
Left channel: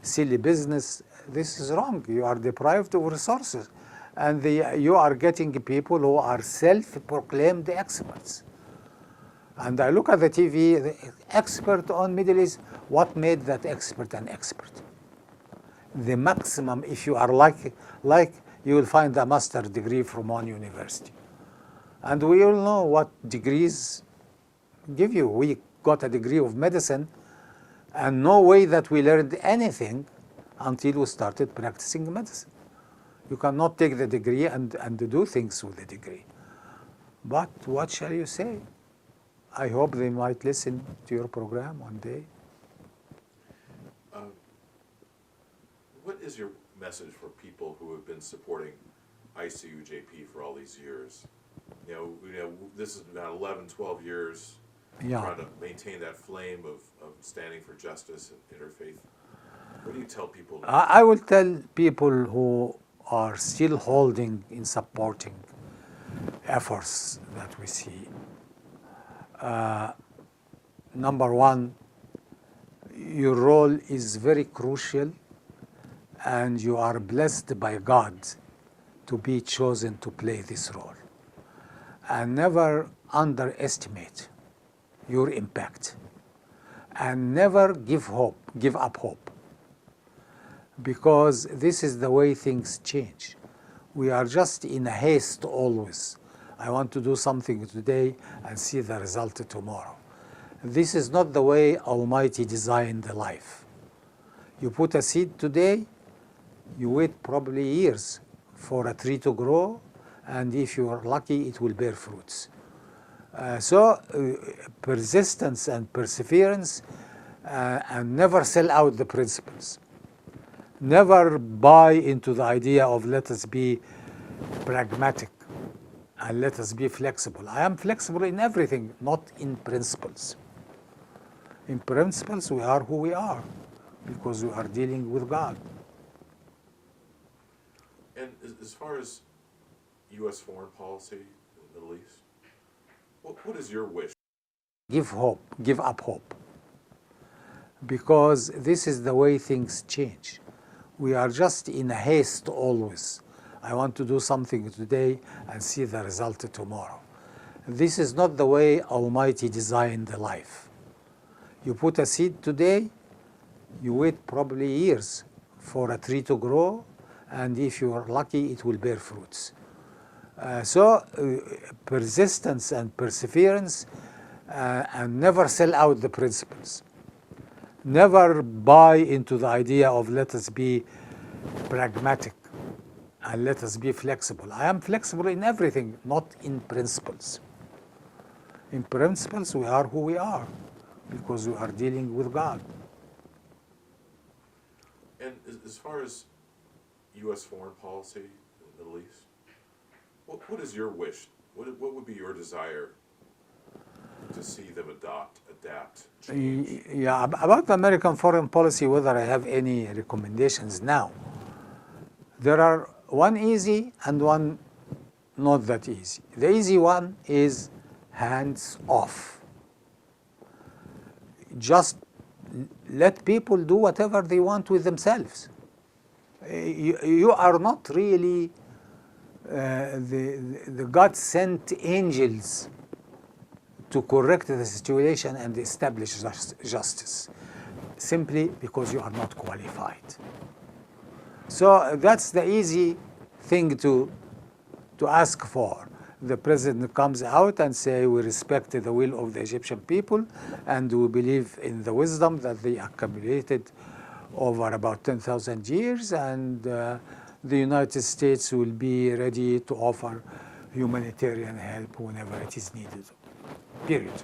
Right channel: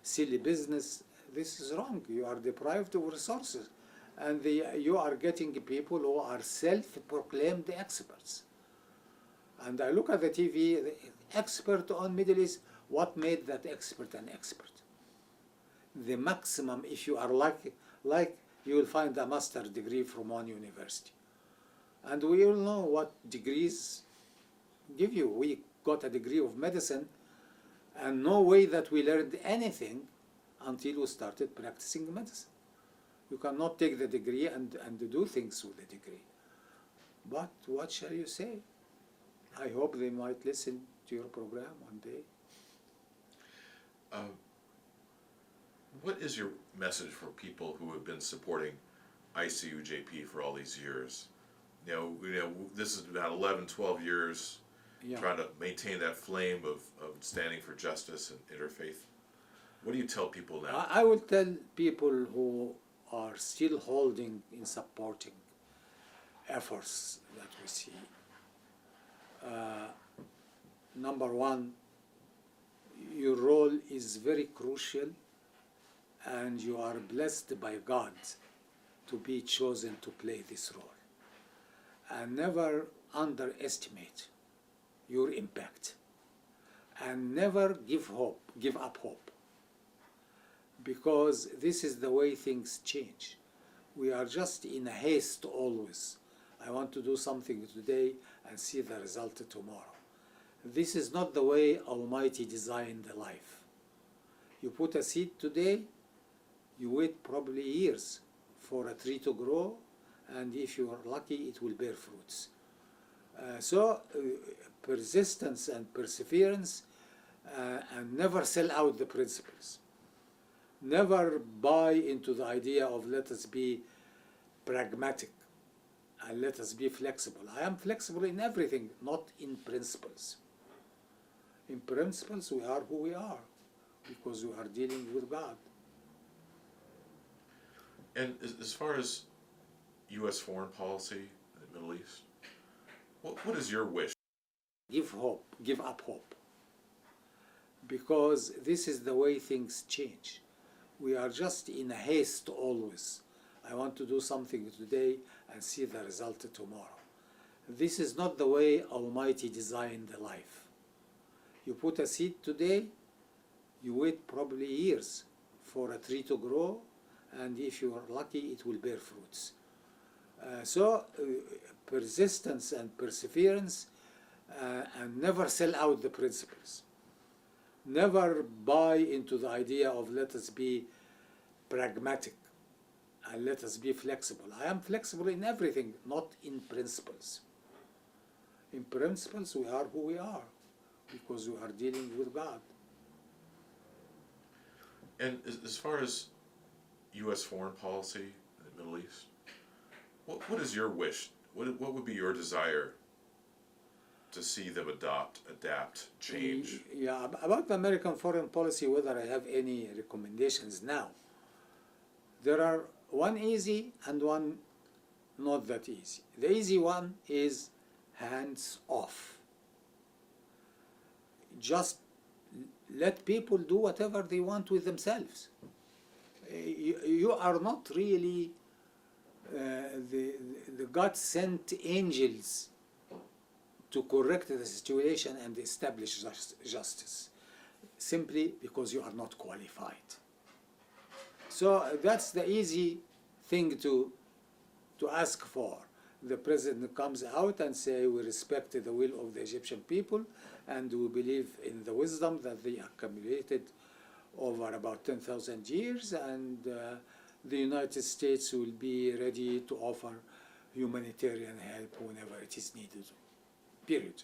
silly business, this is wrong. You are deprived of resources. And you are getting people who are self-proclaimed experts. And I look at the TV, the expert on Middle East, what made that expert an expert? The maximum, if you are like you will find a master's degree from one university. And we all know what degrees give you. We got a degree of medicine, and no way that we learned anything until we started practicing medicine. You cannot take the degree and do things with the degree. But what shall you say? I hope they might listen to your program one day. What is your message for people who have been supporting ICUJP for all these years? You know, this is about 11, 12 years trying to maintain that flame of standing for justice and interfaith. What do you tell people now? I will tell people who are still holding in supporting efforts that we see. Number one, your role is very crucial, and you are blessed by God to be chosen to play this role. And never underestimate your impact. And never give up hope. Because this is the way things change. We are just in a haste always. I want to do something today and see the result tomorrow. This is not the way Almighty designed the life. You put a seed today, you wait probably years for a tree to grow, and if you are lucky, it will bear fruits. Persistence and perseverance, and never sell out the principles. Never buy into the idea of let us be pragmatic and let us be flexible. I am flexible in everything, not in principles. In principles, we are who we are because we are dealing with God. And as far as U.S. foreign policy in the Middle East, what is your wish? Give up hope. Because this is the way things change. We are just in a haste always. I want to do something today and see the result tomorrow. This is not the way Almighty designed the life. You put a seed today, you wait probably years for a tree to grow, and if you are lucky, it will bear fruits. Persistence and perseverance, and never sell out the principles. Never buy into the idea of let us be pragmatic and let us be flexible. I am flexible in everything, not in principles. In principles, we are who we are because we are dealing with God. And as far as U.S. foreign policy in the Middle East, what is your wish? What would be your desire to see them adapt, change? Yeah, about the American foreign policy, whether I have any recommendations now, there are one easy and one not that easy. The easy one is hands off. Just let people do whatever they want with themselves. You are not really the God-sent angels to correct the situation and establish justice, simply because you are not qualified. So that's the easy thing to ask for. The president comes out and say, we respect the will of the Egyptian people and we believe in the wisdom that they accumulated over about 10,000 years, and the United States will be ready to offer humanitarian help whenever it is needed, period.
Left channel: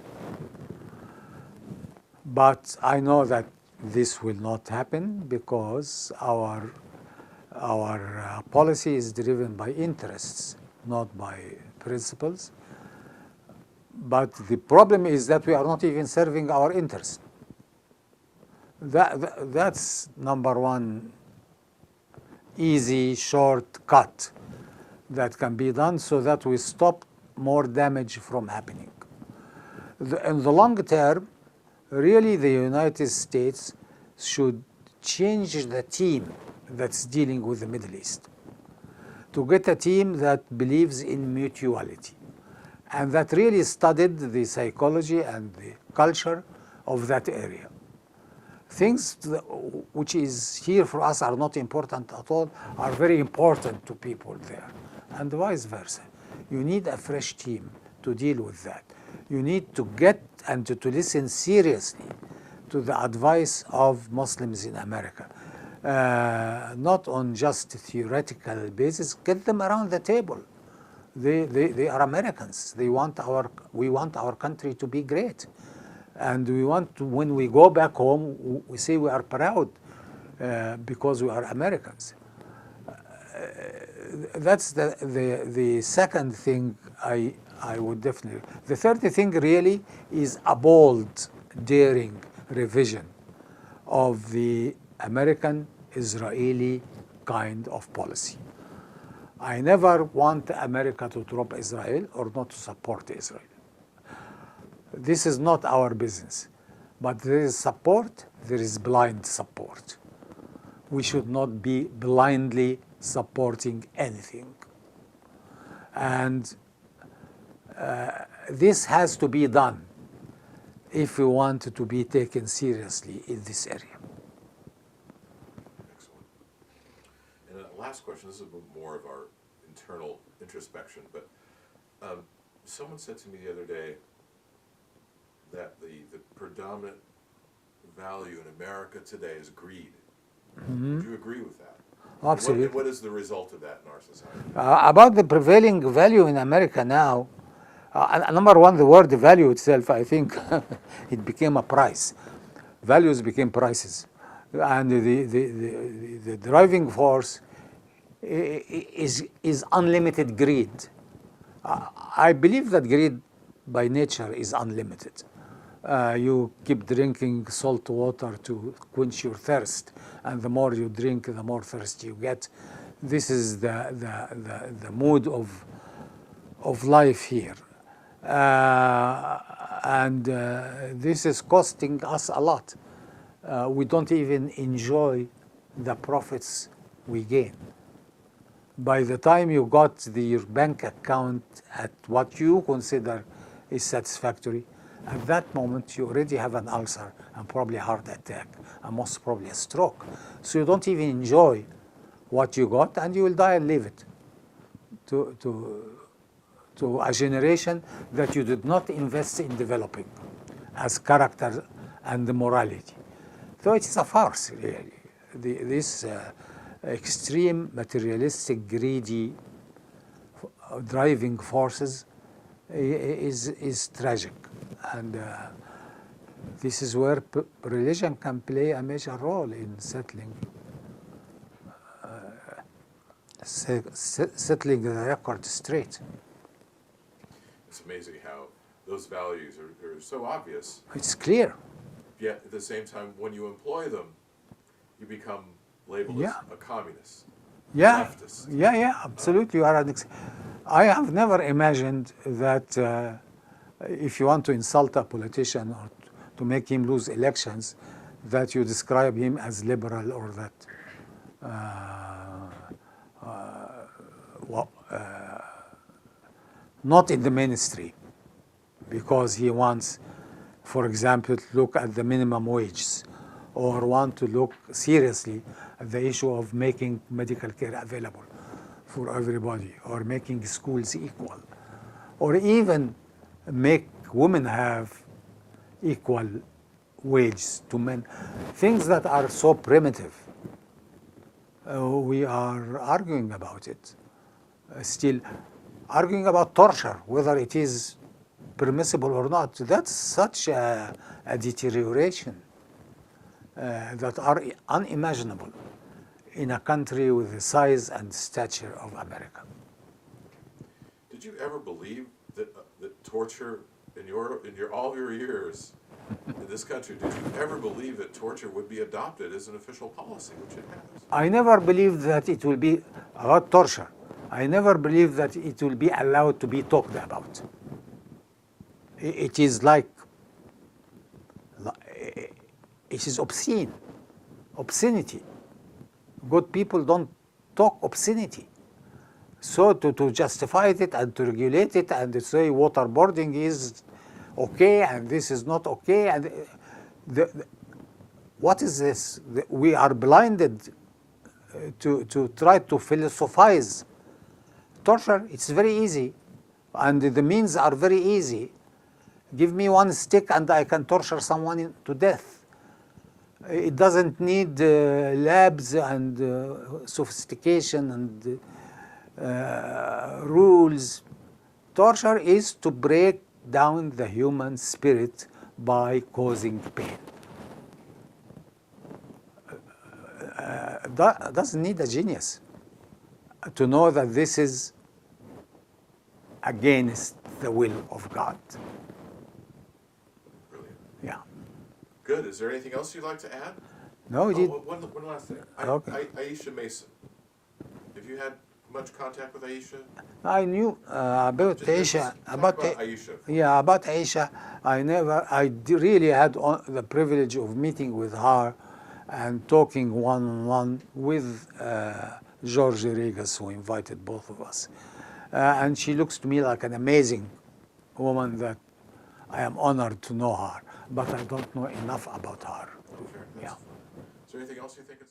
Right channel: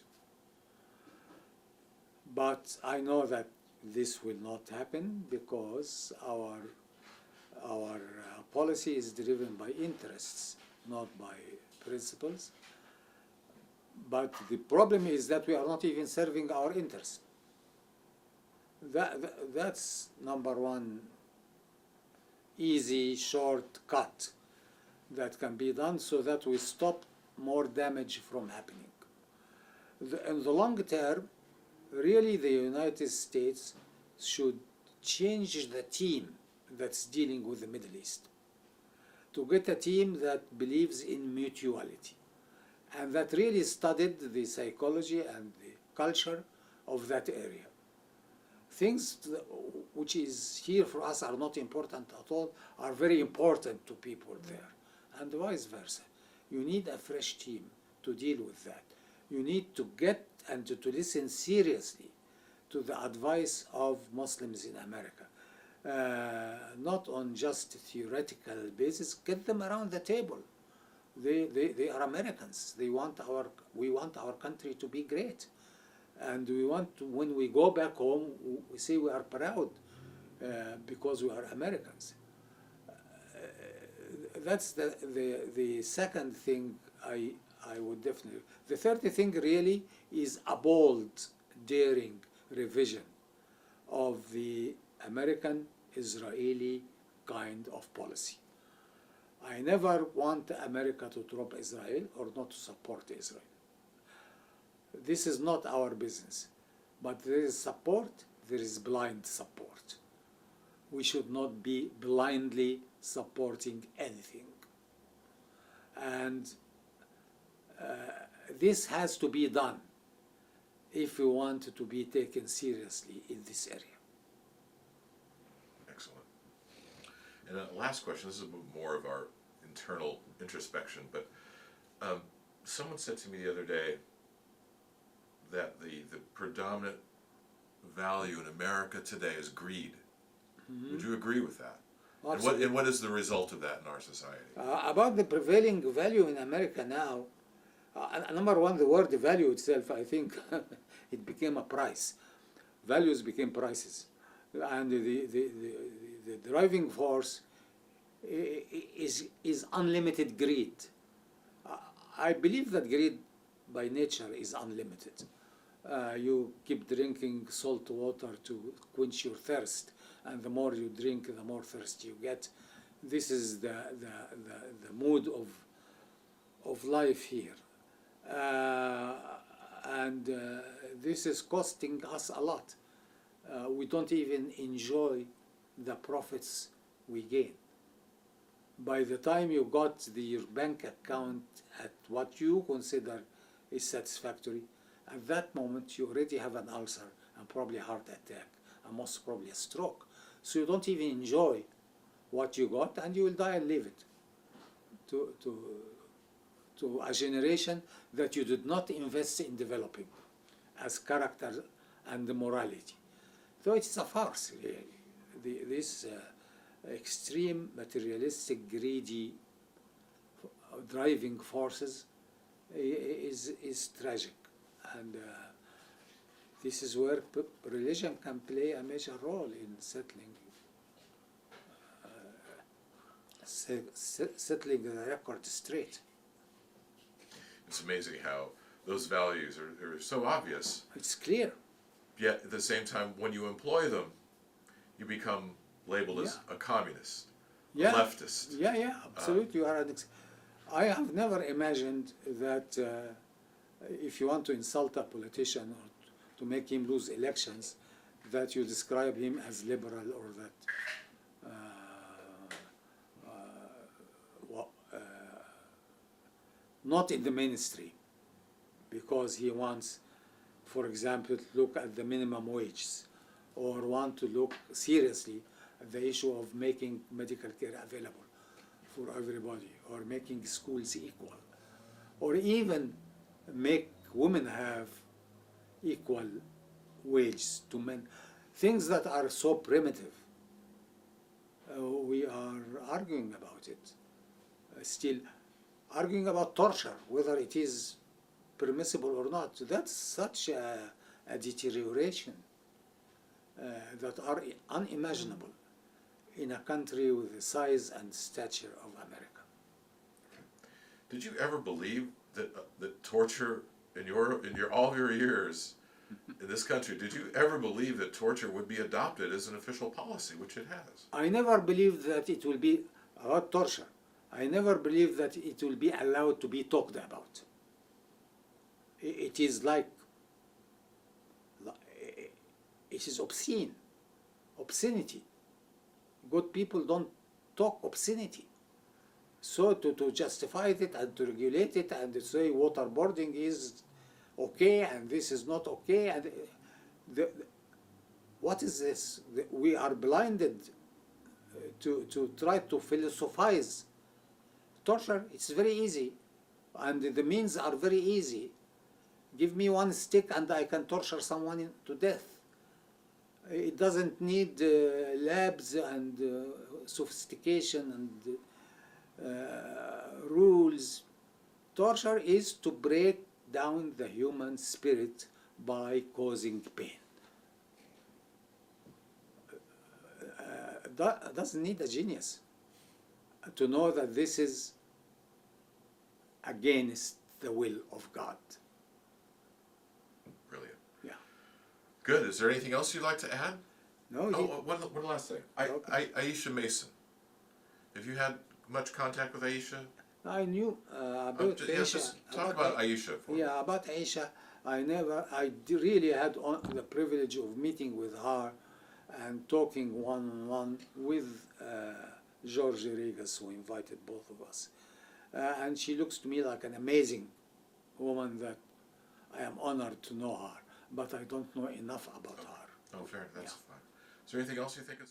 But I know that this will not happen because our policy is driven by interests, not by principles. But the problem is that we are not even serving our interests. That's number one easy shortcut that can be done so that we stop more damage from happening. In the long term, really the United States should change the team that's dealing with the Middle East, to get a team that believes in mutuality and that really studied the psychology and the culture of that area. Things which is here for us are not important at all are very important to people there, and vice versa. You need a fresh team to deal with that. You need to get and to listen seriously to the advice of Muslims in America. Not on just theoretical basis. Get them around the table. They are Americans. We want our country to be great, and we want to, when we go back home, we say we are proud because we are Americans. That's the second thing I would definitely. The third thing really is a bold, daring revision of the American-Israeli kind of policy. I never want America to drop Israel or not to support Israel. This is not our business. But there is support, there is blind support. We should not be blindly supporting anything. And this has to be done if we want to be taken seriously in this area. Excellent. And last question, this is more of our internal introspection, but someone said to me the other day that the predominant value in America today is greed. Mm-hmm. Would you agree with that? Absolutely. And what is the result of that in our society? About the prevailing value in America now, number one, the word value itself, I think it became a price. Values became prices. And the driving force is unlimited greed. I believe that greed by nature is unlimited. You keep drinking salt water to quench your thirst, and the more you drink, the more thirsty you get. This is the mood of life here. And this is costing us a lot. We don't even enjoy the profits we gain. By the time you got your bank account at what you consider is satisfactory, at that moment you already have an ulcer and probably a heart attack and most probably a stroke. So you don't even enjoy what you got, and you will die and leave it to a generation that you did not invest in developing as character and morality. So it is a farce, really. This extreme materialistic, greedy driving forces is tragic, and this is where religion can play a major role in settling settling the record straight. It's amazing how those values are so obvious, It's clear. yet at the same time, when you employ them, you become labeled as Yeah. a communist, Yeah, leftist. yeah, absolutely. You are I have never imagined that if you want to insult a politician or to make him lose elections, that you describe him as liberal or that not in the mainstream, because he wants, for example, to look at the minimum wages or want to look seriously at the issue of making medical care available for everybody or making schools equal or even make women have equal wages to men, things that are so primitive. We are arguing about it. Still arguing about torture, whether it is permissible or not. That's such a deterioration that are unimaginable in a country with the size and stature of America. Did you ever believe that that torture in all of your years in this country? Did you ever believe that torture would be adopted as an official policy, which it has? I never believed that it will be about torture. I never believed that it will be allowed to be talked about. It is like, it is obscene, obscenity. Good people don't talk obscenity. So to justify it and to regulate it and to say waterboarding is okay and this is not okay, and what is this? We are blinded to try to philosophize. Torture, it's very easy, and the means are very easy. Give me one stick and I can torture someone to death. It doesn't need labs and sophistication and rules. Torture is to break down the human spirit by causing pain. That doesn't need a genius to know that this is against the will of God. Brilliant. Yeah. Good. Is there anything else you'd like to add? No, One last thing. Okay. Aisha Mason. Have you had much contact with Aisha? I knew about Aisha. Talk about Aisha. Yeah, about Aisha. I really had the privilege of meeting with her and talking one-on-one with George Regas, who invited both of us. And she looks to me like an amazing woman that I am honored to know her, but I don't know enough about her. Oh, fair. That's Yeah. fine. Is there anything else you think is